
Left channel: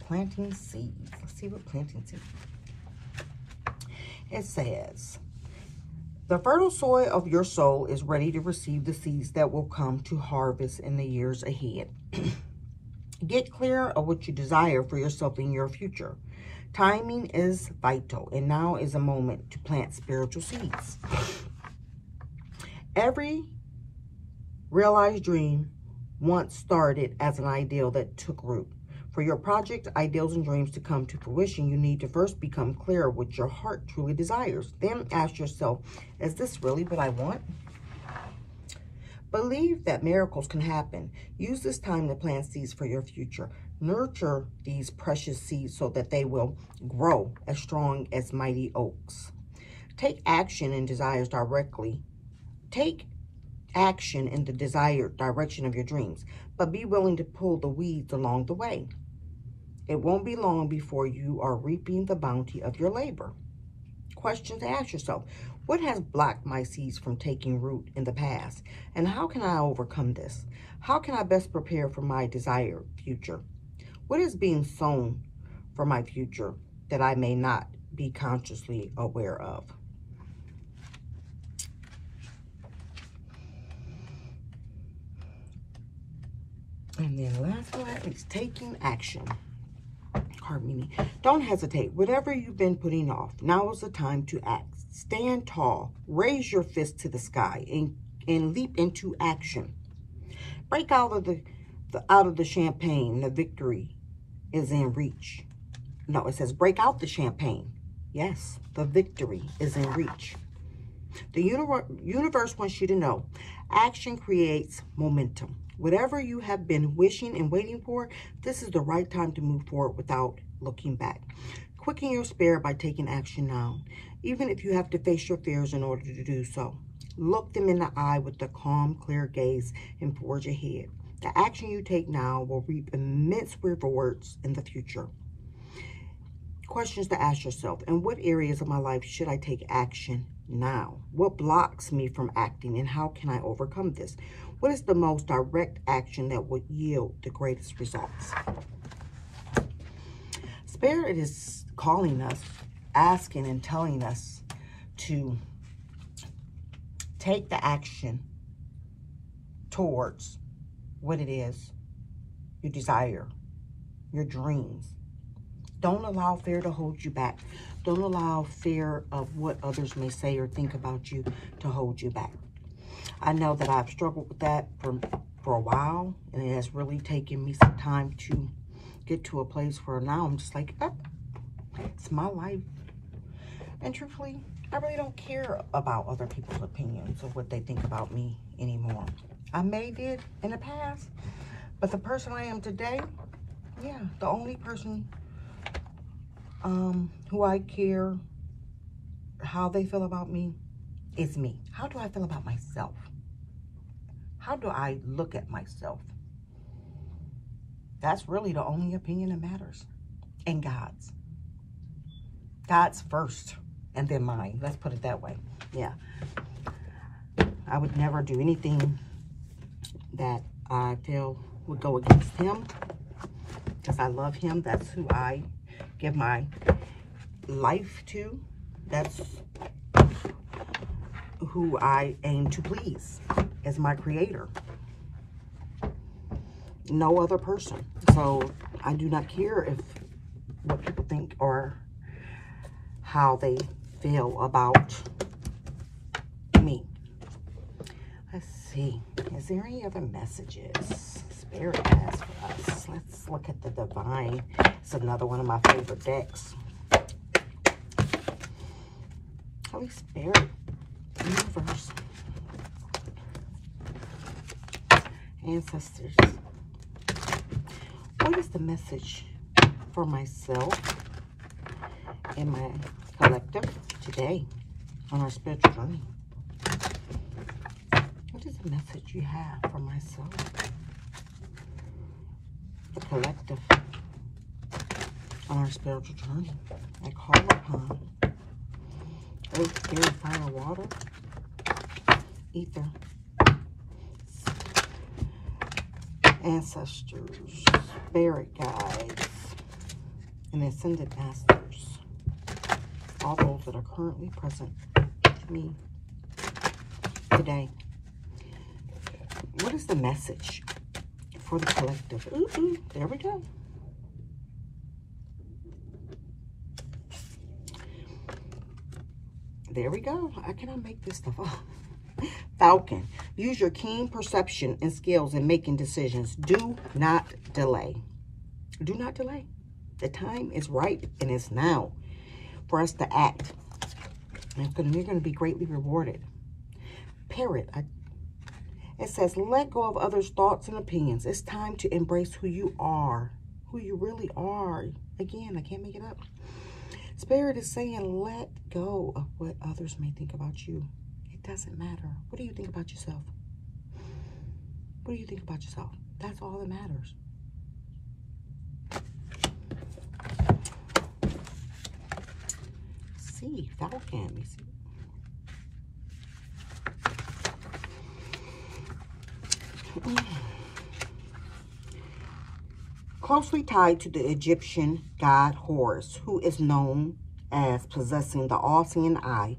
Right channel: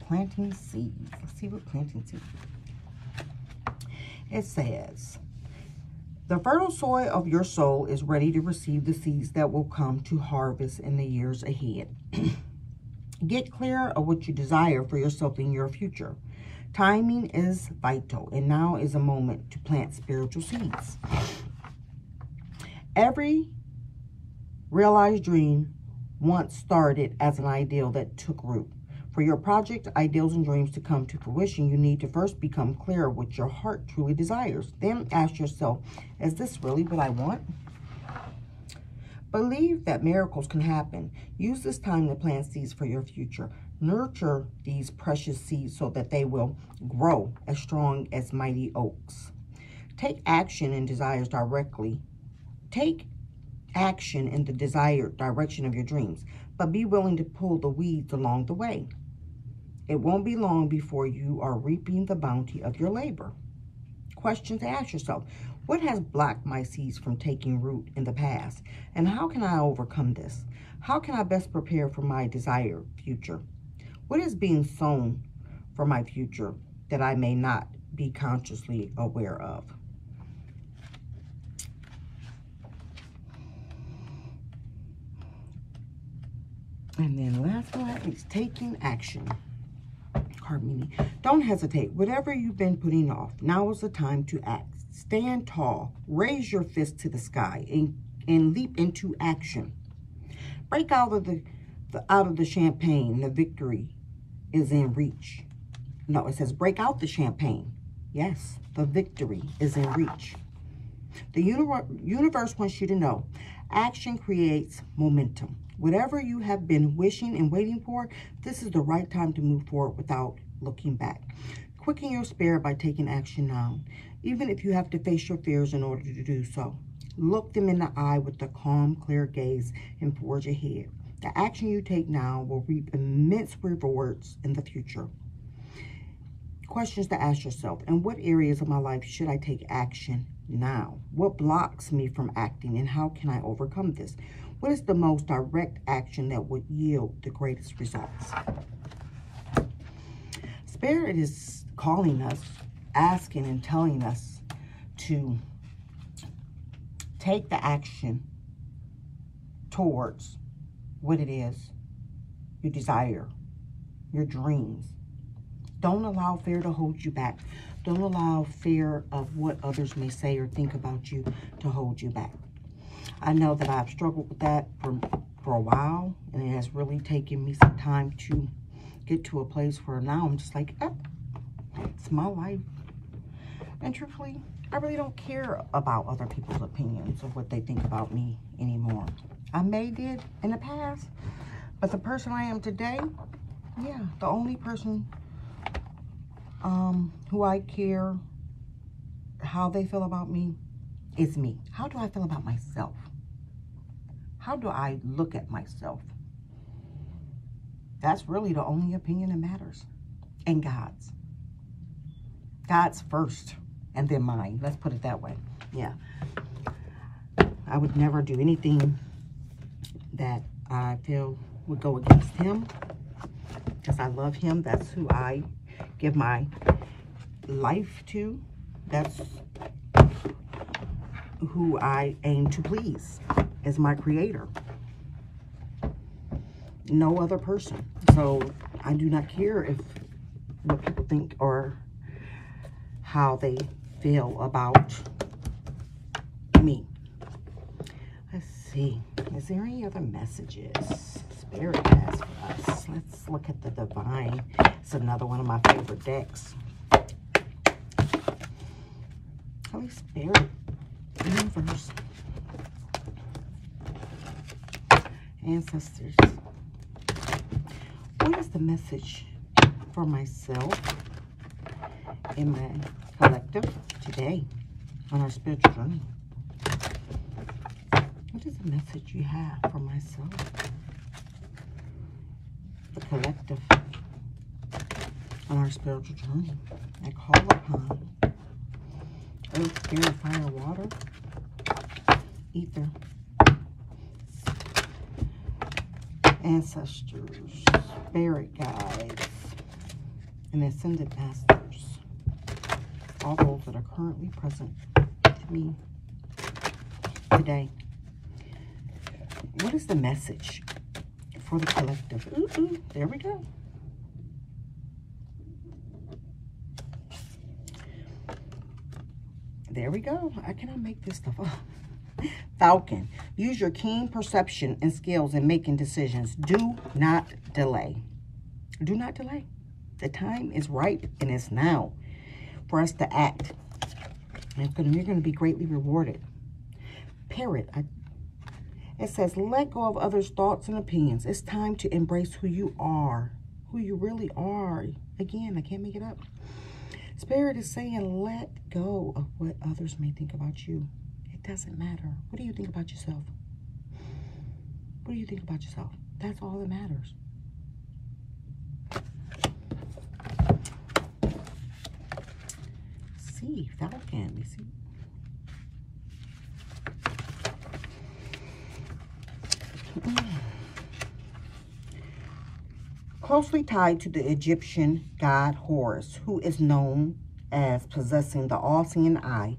Planting seeds. Let's see what planting seeds. It says, the fertile soil of your soul is ready to receive the seeds that will come to harvest in the years ahead. Get clear of what you desire for yourself in your future. Timing is vital, and now is a moment to plant spiritual seeds. Every realized dream once started as an ideal that took root. For your project, ideals, and dreams to come to fruition, you need to first become clear of what your heart truly desires. Then ask yourself, is this really what I want? Believe that miracles can happen. Use this time to plant seeds for your future. Nurture these precious seeds so that they will grow as strong as mighty oaks. Take action in desires directly. Take action in the desired direction of your dreams, but be willing to pull the weeds along the way. It won't be long before you are reaping the bounty of your labor. Question to ask yourself, What has blocked my seeds from taking root in the past? And how can I overcome this? How can I best prepare for my desired future? What is being sown for my future that I may not be consciously aware of? And then last one is taking action. Harmony. Don't hesitate. Whatever you've been putting off, now is the time to act. Stand tall. Raise your fist to the sky and leap into action. Break out of the champagne. The victory is in reach. No, it says break out the champagne. Yes, the victory is in reach. The universe wants you to know action creates momentum. Whatever you have been wishing and waiting for, this is the right time to move forward without looking back. Quicken your spirit by taking action now, even if you have to face your fears in order to do so. Look them in the eye with a calm, clear gaze and forge ahead. The action you take now will reap immense rewards in the future. Questions to ask yourself: in what areas of my life should I take action now? What blocks me from acting, and how can I overcome this? What is the most direct action that would yield the greatest results? Spirit is calling us, asking and telling us to take the action towards what it is you desire, your dreams. Don't allow fear to hold you back. Don't allow fear of what others may say or think about you to hold you back. I know that I've struggled with that for a while, and it has really taken me some time to get to a place where now I'm just like, it's my life. And truthfully, I really don't care about other people's opinions or what they think about me anymore. I may did in the past, but the person I am today, yeah, the only person who I care how they feel about me is me. How do I feel about myself? How do I look at myself? That's really the only opinion that matters. And God's. God's first, and then mine. Let's put it that way. Yeah. I would never do anything that I feel would go against him, because I love him. That's who I give my life to. That's who I aim to please, as my creator. No other person. So I do not care if what people think or how they feel about me. Let's see. Is there any other messages Spirit has for us? Let's look at the Divine. It's another one of my favorite decks. Holy Spirit, Universe, Ancestors. What is the message for myself and my collective today on our spiritual journey? What is the message you have for myself, the collective, on our spiritual journey? I call upon earth, air, fire, water, ether, ancestors, spirit guides, and ascended masters, all those that are currently present to me today. What is the message for the collective? Ooh, there we go. There we go. I cannot make this stuff up. Falcon. Use your keen perception and skills in making decisions. Do not delay. Do not delay. The time is ripe, and it's now for us to act. And you're going to be greatly rewarded. Parrot. It says, let go of others' thoughts and opinions. It's time to embrace who you are. Who you really are. Again, I can't make it up. Spirit is saying, let go of what others may think about you. It doesn't matter. What do you think about yourself? What do you think about yourself? That's all that matters. See, Falcon, you see? closely tied to the Egyptian god Horus, who is known as possessing the all-seeing eye.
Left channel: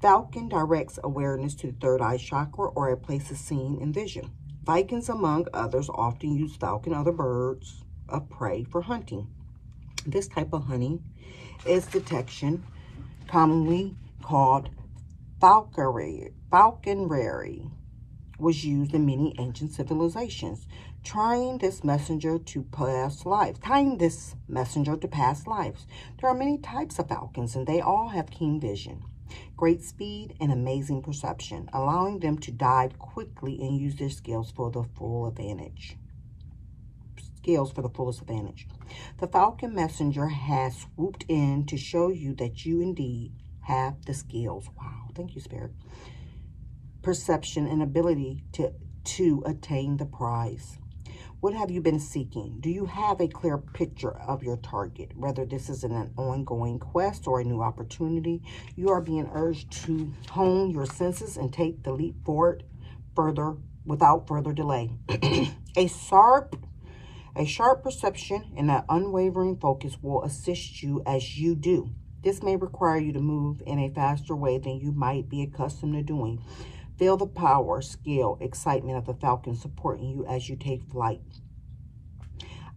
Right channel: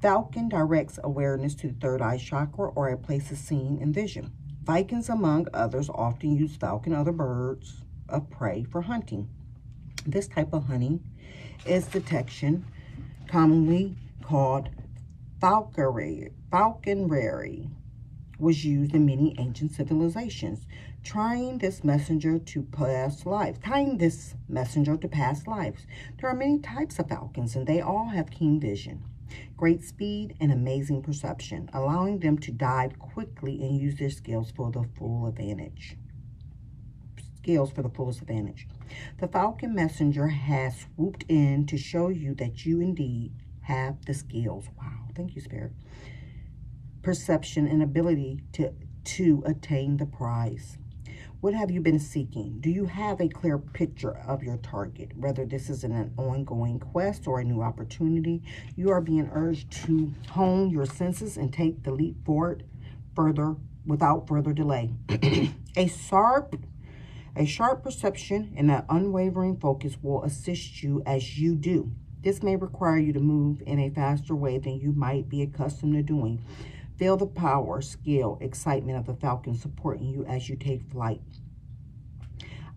Falcon directs awareness to the third eye chakra, or a place of seeing and vision. Vikings, among others, often use falcon, other birds of prey, for hunting. This type of hunting is detection, commonly called falconry, was used in many ancient civilizations, tying this messenger to past lives. There are many types of falcons, and they all have keen vision, great speed, and amazing perception, allowing them to dive quickly and use their skills for the full advantage. The falcon messenger has swooped in to show you that you indeed have the skills. Wow, thank you, Spirit. Perception and ability to attain the prize. What have you been seeking? Do you have a clear picture of your target? Whether this is an ongoing quest or a new opportunity, you are being urged to hone your senses and take the leap forward without further delay. A sharp perception and an unwavering focus will assist you as you do. This may require you to move in a faster way than you might be accustomed to doing. Feel the power, skill, excitement of the falcon supporting you as you take flight.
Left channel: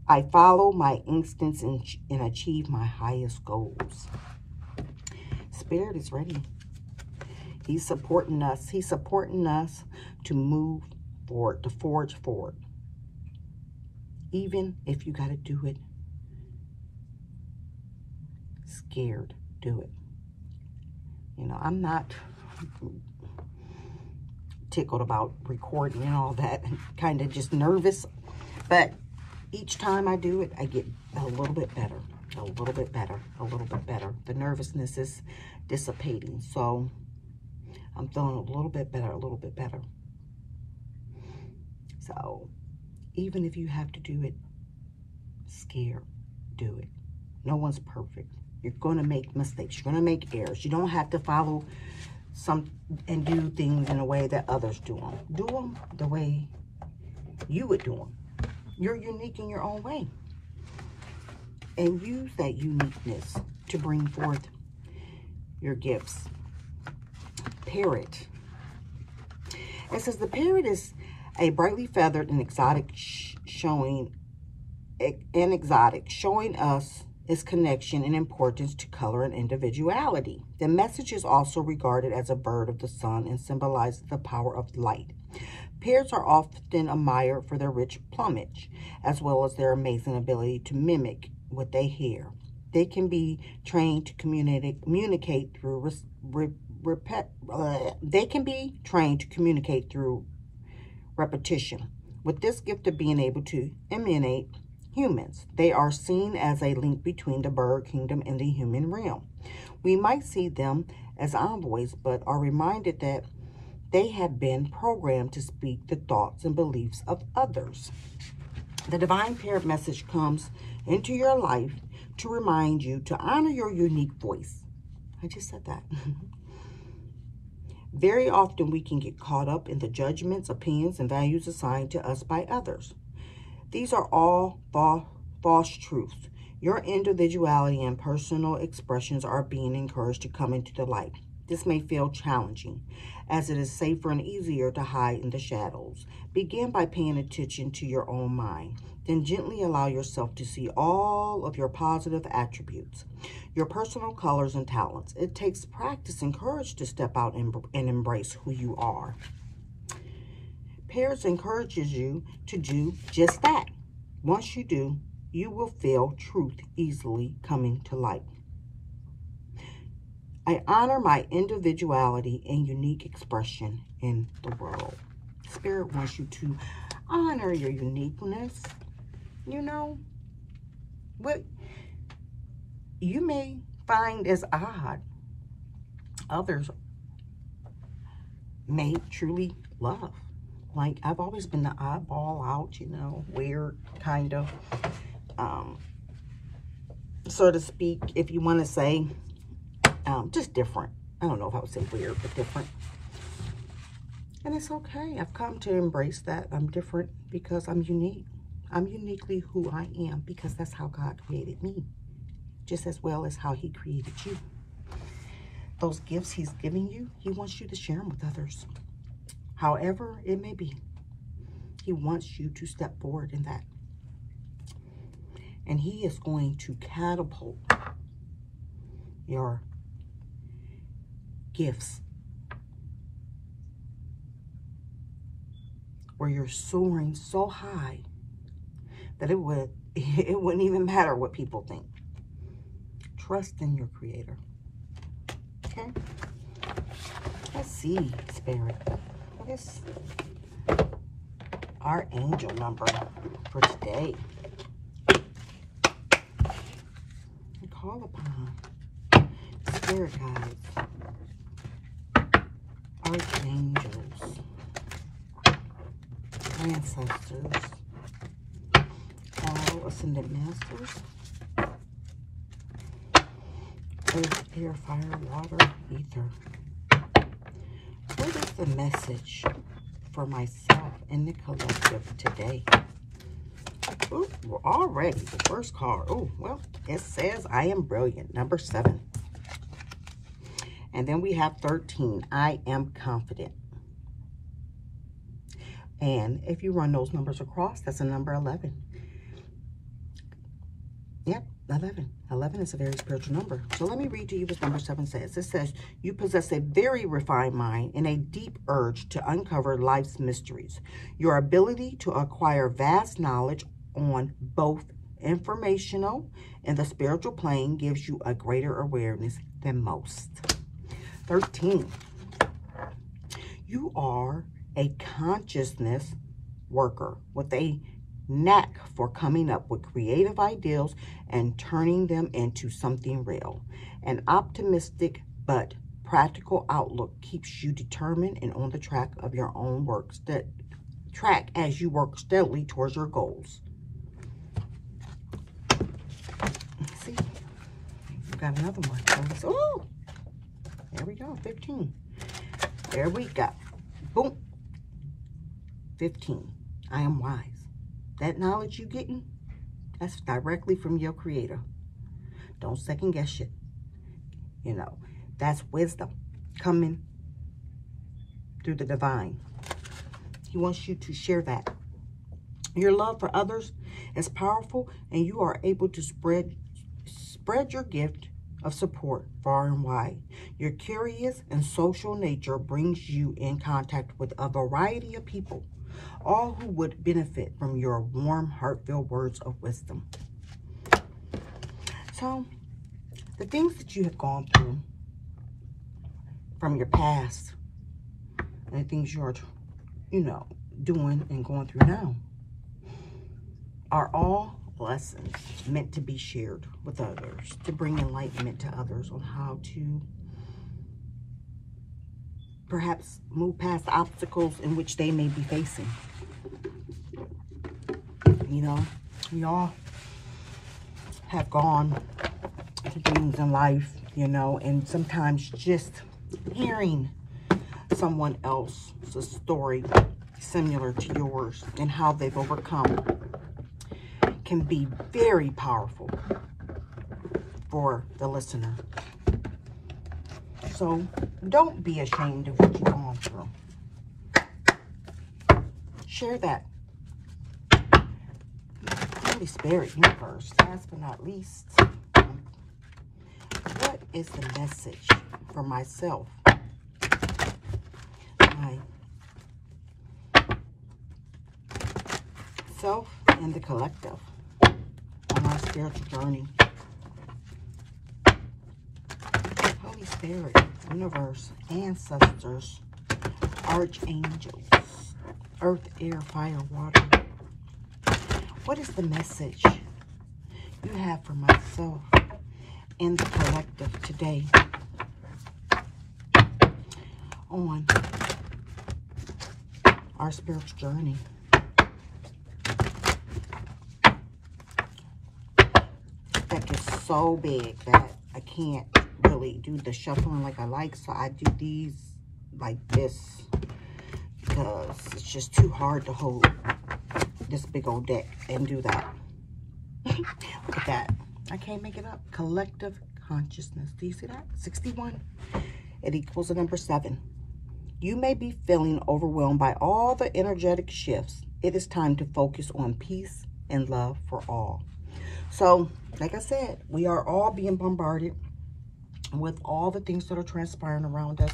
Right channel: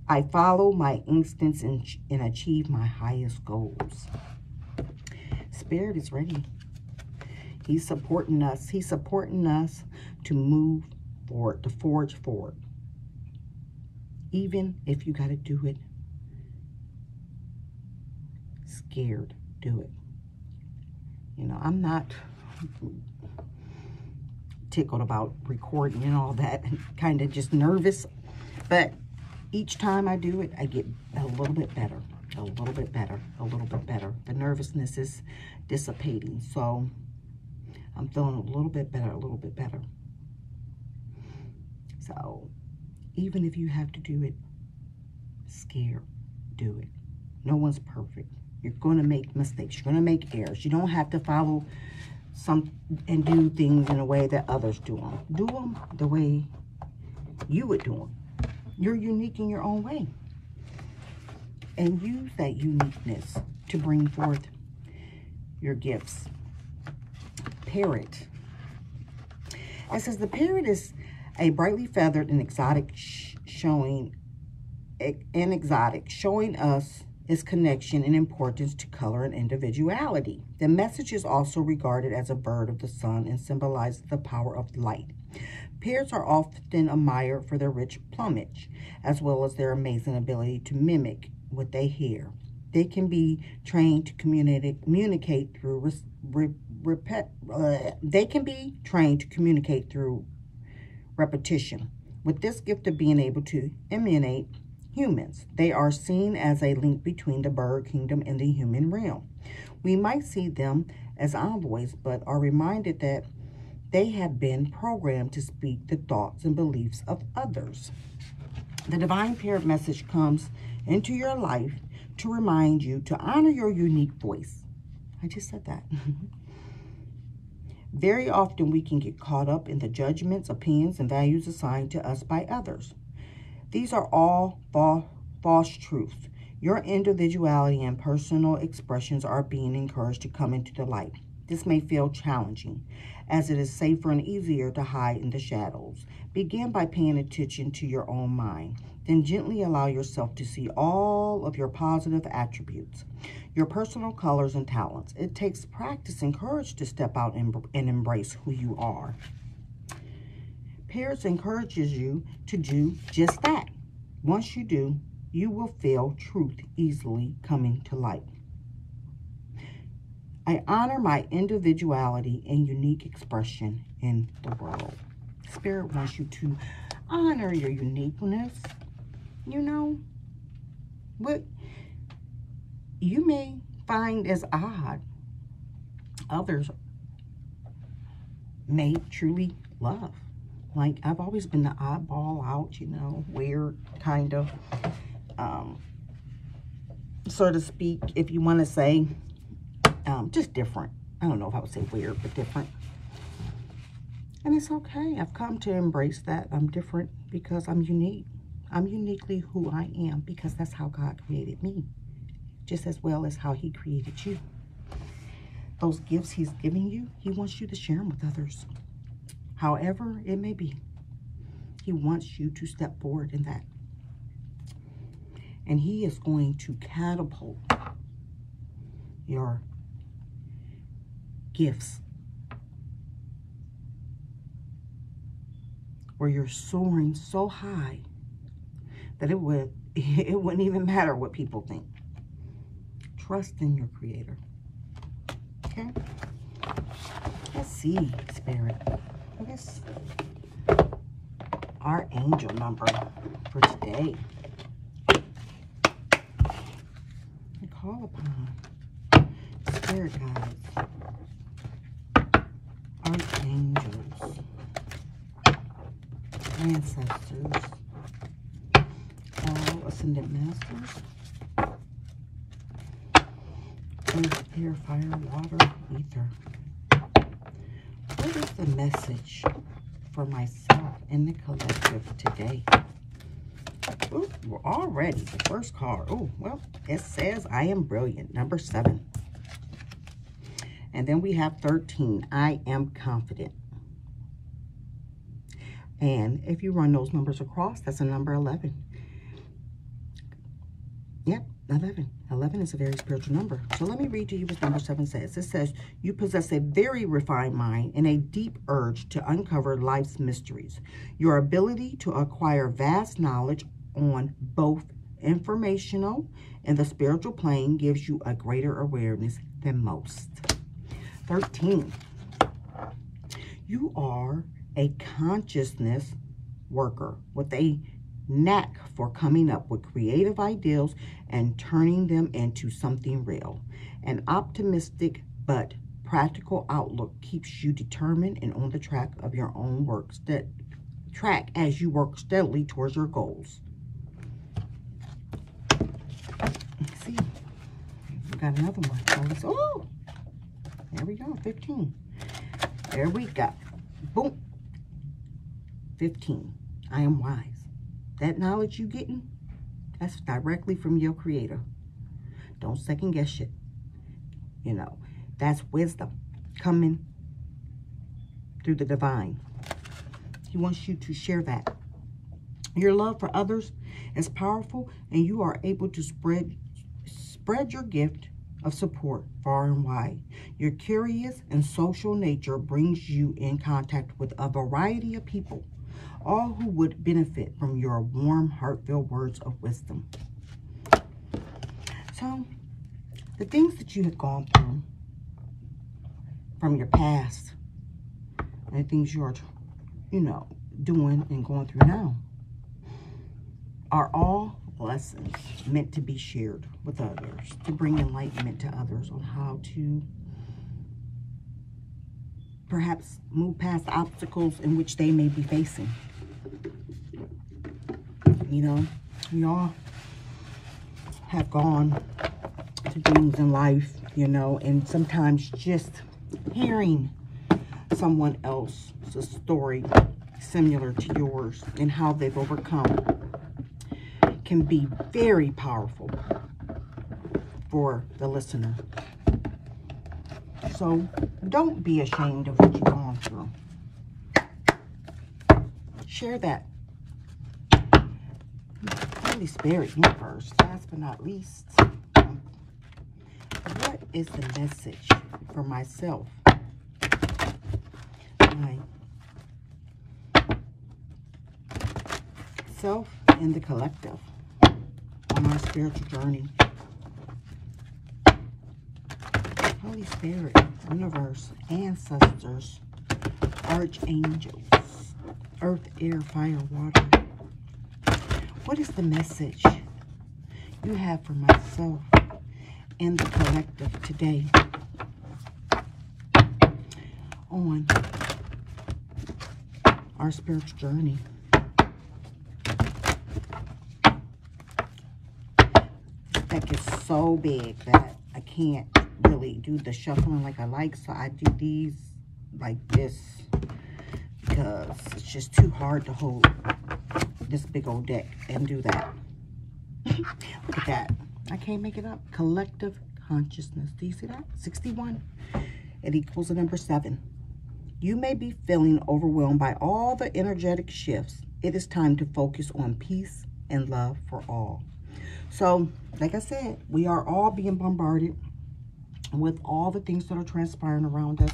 I follow my instincts and achieve my highest goals. Spirit is ready. He's supporting us. He's supporting us to move forward, to forge forward. Even if you got to do it scared, do it. You know, I'm not tickled about recording and all that, kind of just nervous, but each time I do it, I get a little bit better, a little bit better, a little bit better. The nervousness is dissipating, so I'm feeling a little bit better, a little bit better. So even if you have to do it scared, do it. No one's perfect. You're going to make mistakes. You're going to make errors. You don't have to follow and do things in a way that others do them. Do them the way you would do them. You're unique in your own way. And use that uniqueness to bring forth your gifts. Parrot. It says the parrot is a brightly feathered and exotic showing us its connection and importance to color and individuality. The message is also regarded as a bird of the sun and symbolizes the power of light. Parrots are often admired for their rich plumage, as well as their amazing ability to mimic what they hear. They can be trained to communicate through repetition. With this gift of being able to imitate humans, they are seen as a link between the bird kingdom and the human realm. We might see them as envoys, but are reminded that they have been programmed to speak the thoughts and beliefs of others. The divine parrot message comes into your life to remind you to honor your unique voice. I just said that. Very often we can get caught up in the judgments, opinions, and values assigned to us by others. These are all false truths. Your individuality and personal expressions are being encouraged to come into the light. This may feel challenging, as it is safer and easier to hide in the shadows. Begin by paying attention to your own mind. Then gently allow yourself to see all of your positive attributes, your personal colors and talents. It takes practice and courage to step out and embrace who you are. Parrots encourages you to do just that. Once you do, you will feel truth easily coming to light. I honor my individuality and unique expression in the world. Spirit wants you to honor your uniqueness. You know, what you may find as odd, others may truly love. Like, I've always been the oddball out, you know, weird, kind of, so to speak, if you want to say, just different. I don't know if I would say weird, but different. And it's okay. I've come to embrace that. I'm different because I'm unique. I'm uniquely who I am because that's how God created me, just as well as how he created you. Those gifts he's giving you, he wants you to share them with others. However it may be, he wants you to step forward in that. And he is going to catapult your gifts where you're soaring so high that it wouldn't even matter what people think. Trust in your creator. Okay? Let's see, Spirit. What is our angel number for today? We call upon Spirit guides, archangels, ancestors, all ascended masters, earth, air, fire, water, ether. What is the message for myself and the collective today? Ooh, we're already the first card. Oh, well, it says I am brilliant. Number 7. And then we have 13. I am confident. And if you run those numbers across, that's a number 11. Yep, 11. 11 is a very spiritual number. So let me read to you what number 7 says. It says, you possess a very refined mind and a deep urge to uncover life's mysteries. Your ability to acquire vast knowledge on both informational and the spiritual plane gives you a greater awareness than most. 13. You are a consciousness worker with a knack for coming up with creative ideals and turning them into something real. An optimistic but practical outlook keeps you determined and on the track of your own track as you work steadily towards your goals. Let's see. We got another one. Oh, there we go. 15. There we go. Boom. 15. I am wise. That knowledge you getting, that's directly from your creator. Don't second guess it. You know, that's wisdom coming through the divine. He wants you to share that. Your love for others is powerful, and you are able to spread your gift of support far and wide. Your curious and social nature brings you in contact with a variety of people, all who would benefit from your warm, heartfelt words of wisdom. So, the things that you have gone through from your past and the things you're, doing and going through now are all lessons meant to be shared with others, to bring enlightenment to others on how to perhaps move past obstacles in which they may be facing. We all have gone to things in life, and sometimes just hearing someone else's story similar to yours and how they've overcome can be very powerful for the listener. So don't be ashamed of what you've gone through. Share that. Holy Spirit, universe, last but not least, what is the message for myself, myself and the collective on our spiritual journey? Holy Spirit, universe, ancestors, archangels, earth, air, fire, water. What is the message you have for myself and the collective today on our spiritual journey? That gets so big that I can't really do the shuffling like I like, so I do these like this because it's just too hard to hold this big old deck and do that. Look at that. I can't make it up. Collective consciousness. Do you see that? 61. It equals the number 7. You may be feeling overwhelmed by all the energetic shifts. It is time to focus on peace and love for all. So, like I said, we are all being bombarded with all the things that are transpiring around us,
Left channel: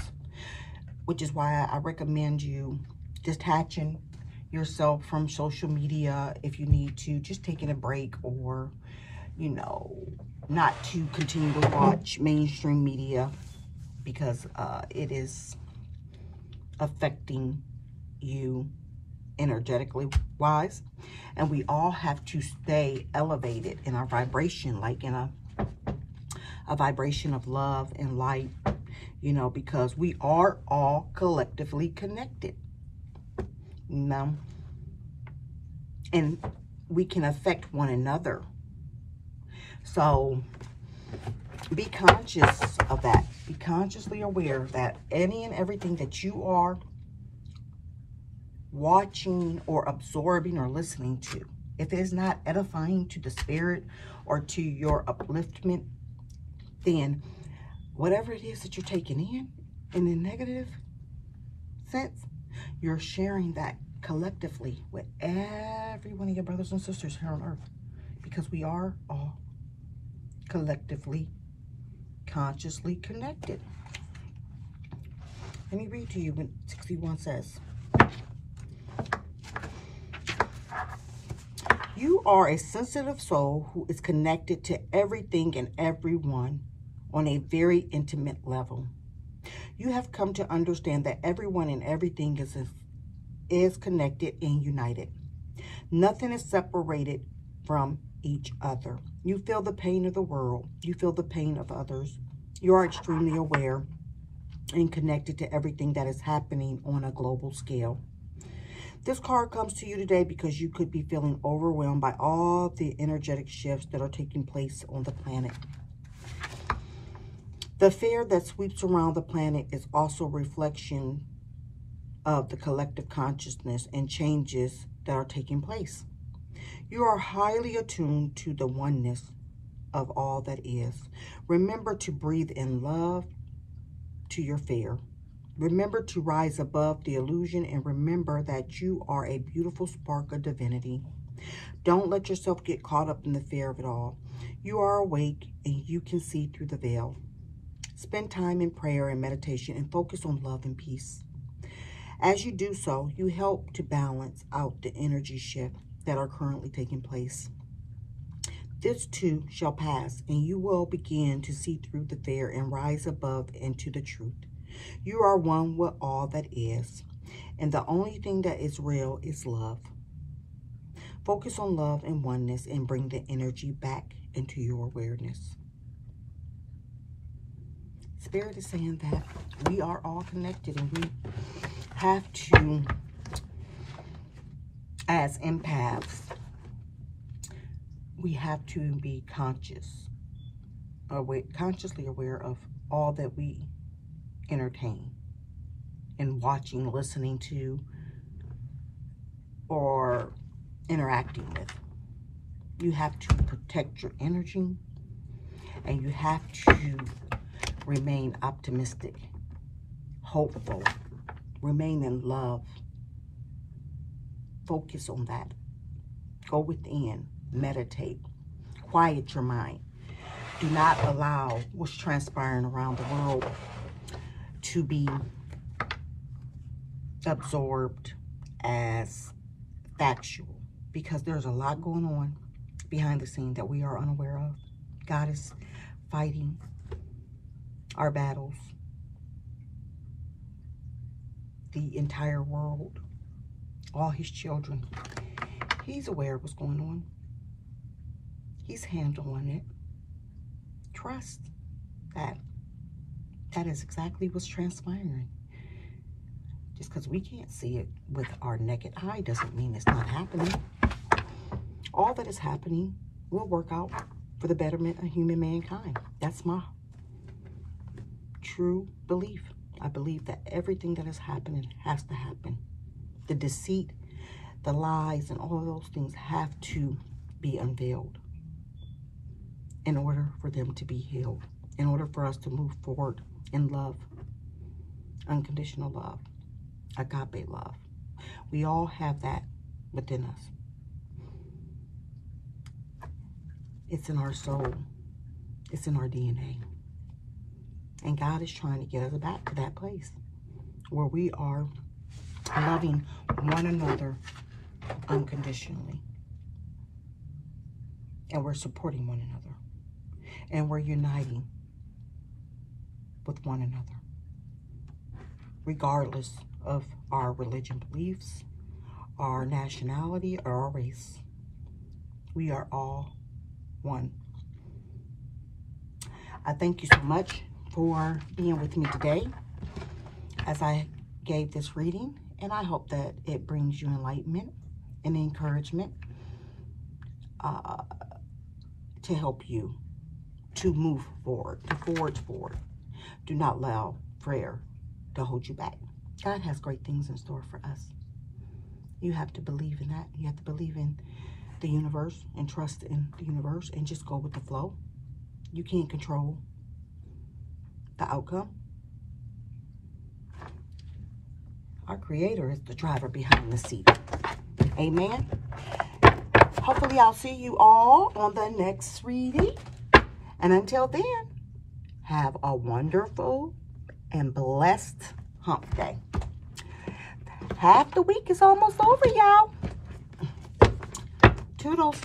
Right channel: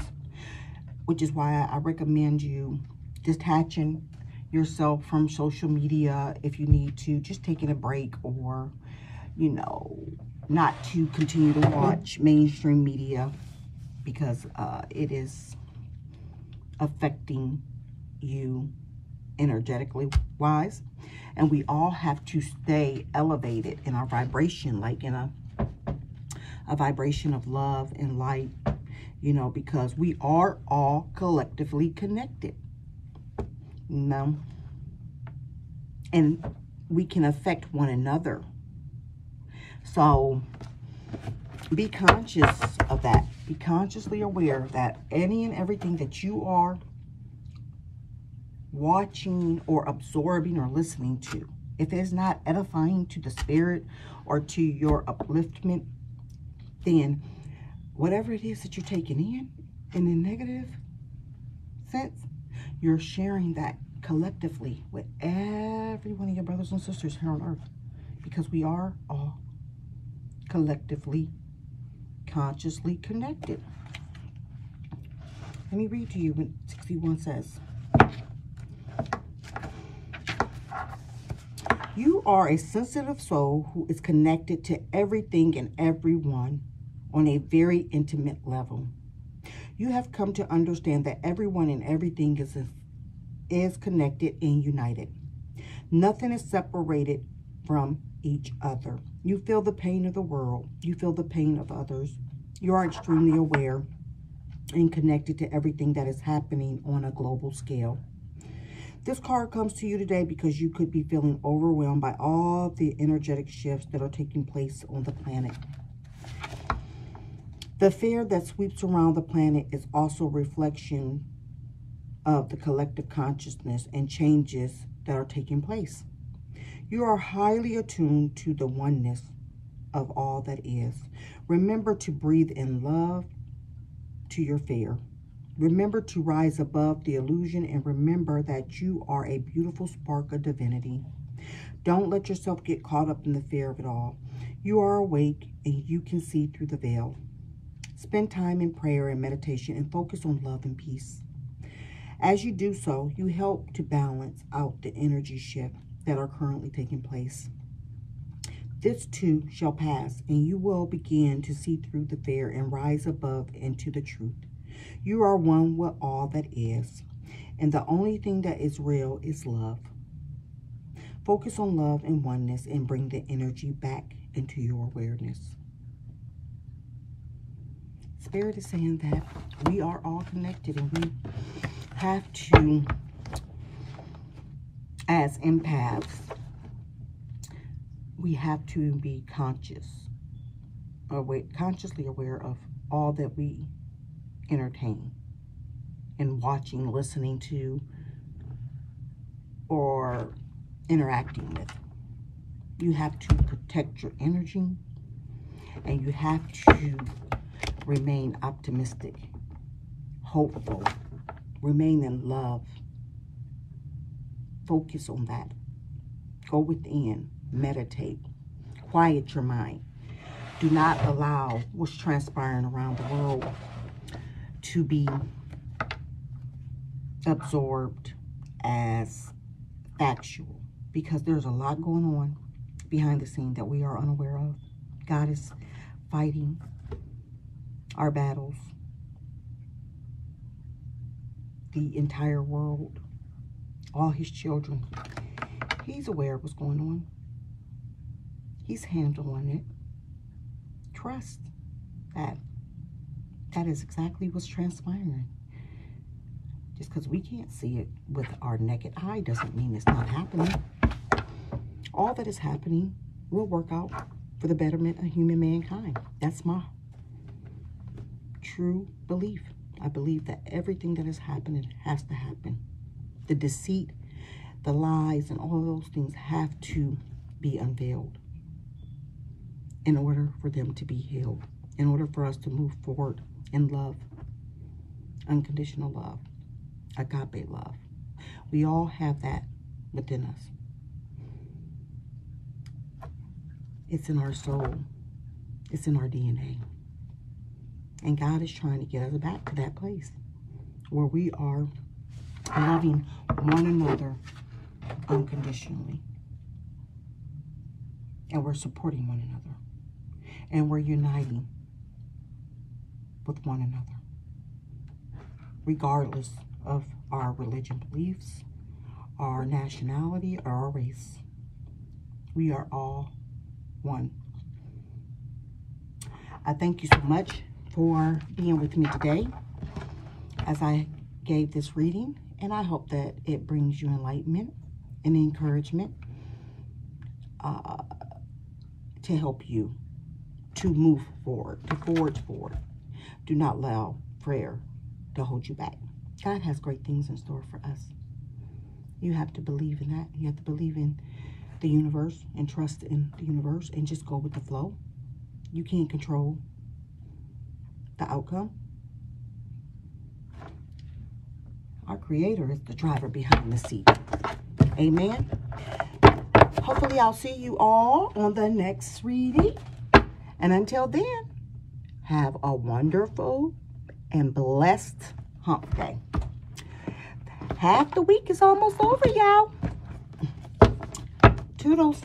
which is why I recommend you detaching yourself from social media if you need to, just taking a break, or, you know, not to continue to watch mainstream media because it is affecting you energetically wise. And we all have to stay elevated in our vibration, like in a vibration of love and light, you know, because we are all collectively connected, you know, and we can affect one another. So be conscious of that. Be consciously aware that any and everything that you are watching or absorbing or listening to, if it is not edifying to the spirit or to your upliftment, then whatever it is that you're taking in a negative sense, you're sharing that collectively with every one of your brothers and sisters here on earth, because we are all collectively, consciously connected. Let me read to you what 61 says. You are a sensitive soul who is connected to everything and everyone on a very intimate level. You have come to understand that everyone and everything is connected and united. Nothing is separated from each other. You feel the pain of the world. You feel the pain of others. You are extremely aware and connected to everything that is happening on a global scale. This card comes to you today because you could be feeling overwhelmed by all the energetic shifts that are taking place on the planet. The fear that sweeps around the planet is also a reflection of the collective consciousness and changes that are taking place. You are highly attuned to the oneness of all that is. Remember to breathe in love to your fear. Remember to rise above the illusion, and remember that you are a beautiful spark of divinity. Don't let yourself get caught up in the fear of it all. You are awake and you can see through the veil. Spend time in prayer and meditation and focus on love and peace. As you do so, you help to balance out the energy shift that are currently taking place. This too shall pass, and you will begin to see through the fear and rise above into the truth. You are one with all that is, and the only thing that is real is love. Focus on love and oneness and bring the energy back into your awareness. Spirit is saying that we are all connected, and we have to, as empaths, we have to be consciously aware of all that we entertain and watching, listening to, or interacting with. You have to protect your energy, and you have to remain optimistic, hopeful, remain in love. Focus on that. Go within, meditate, quiet your mind. Do not allow what's transpiring around the world to be absorbed as factual, because there's a lot going on behind the scene that we are unaware of. God is fighting our battles. The entire world, all his children, he's aware of what's going on. He's handling it. Trust that. That is exactly what's transpiring. Just because we can't see it with our naked eye doesn't mean it's not happening. All that is happening will work out for the betterment of human mankind. That's my true belief. I believe that everything that is happening has to happen. The deceit The lies and all those things have to be unveiled in order for them to be healed, in order for us to move forward in love, unconditional love, agape love. We all have that within us. It's in our soul. It's in our DNA. And God is trying to get us back to that place where we are loving one another unconditionally. And we're supporting one another. And we're uniting with one another. Regardless of our religion beliefs, our nationality, or our race. We are all one. I thank you so much for being with me today as I gave this reading, and I hope that it brings you enlightenment and encouragement to help you to move forward, to forge forward. Do not allow prayer to hold you back. God has great things in store for us. You have to believe in that. You have to believe in the universe and trust in the universe and just go with the flow. You can't control the outcome. Our Creator is the driver behind the seat. Amen. Hopefully I'll see you all on the next reading. And until then, have a wonderful and blessed hump day. Half the week is almost over, y'all. Toodles.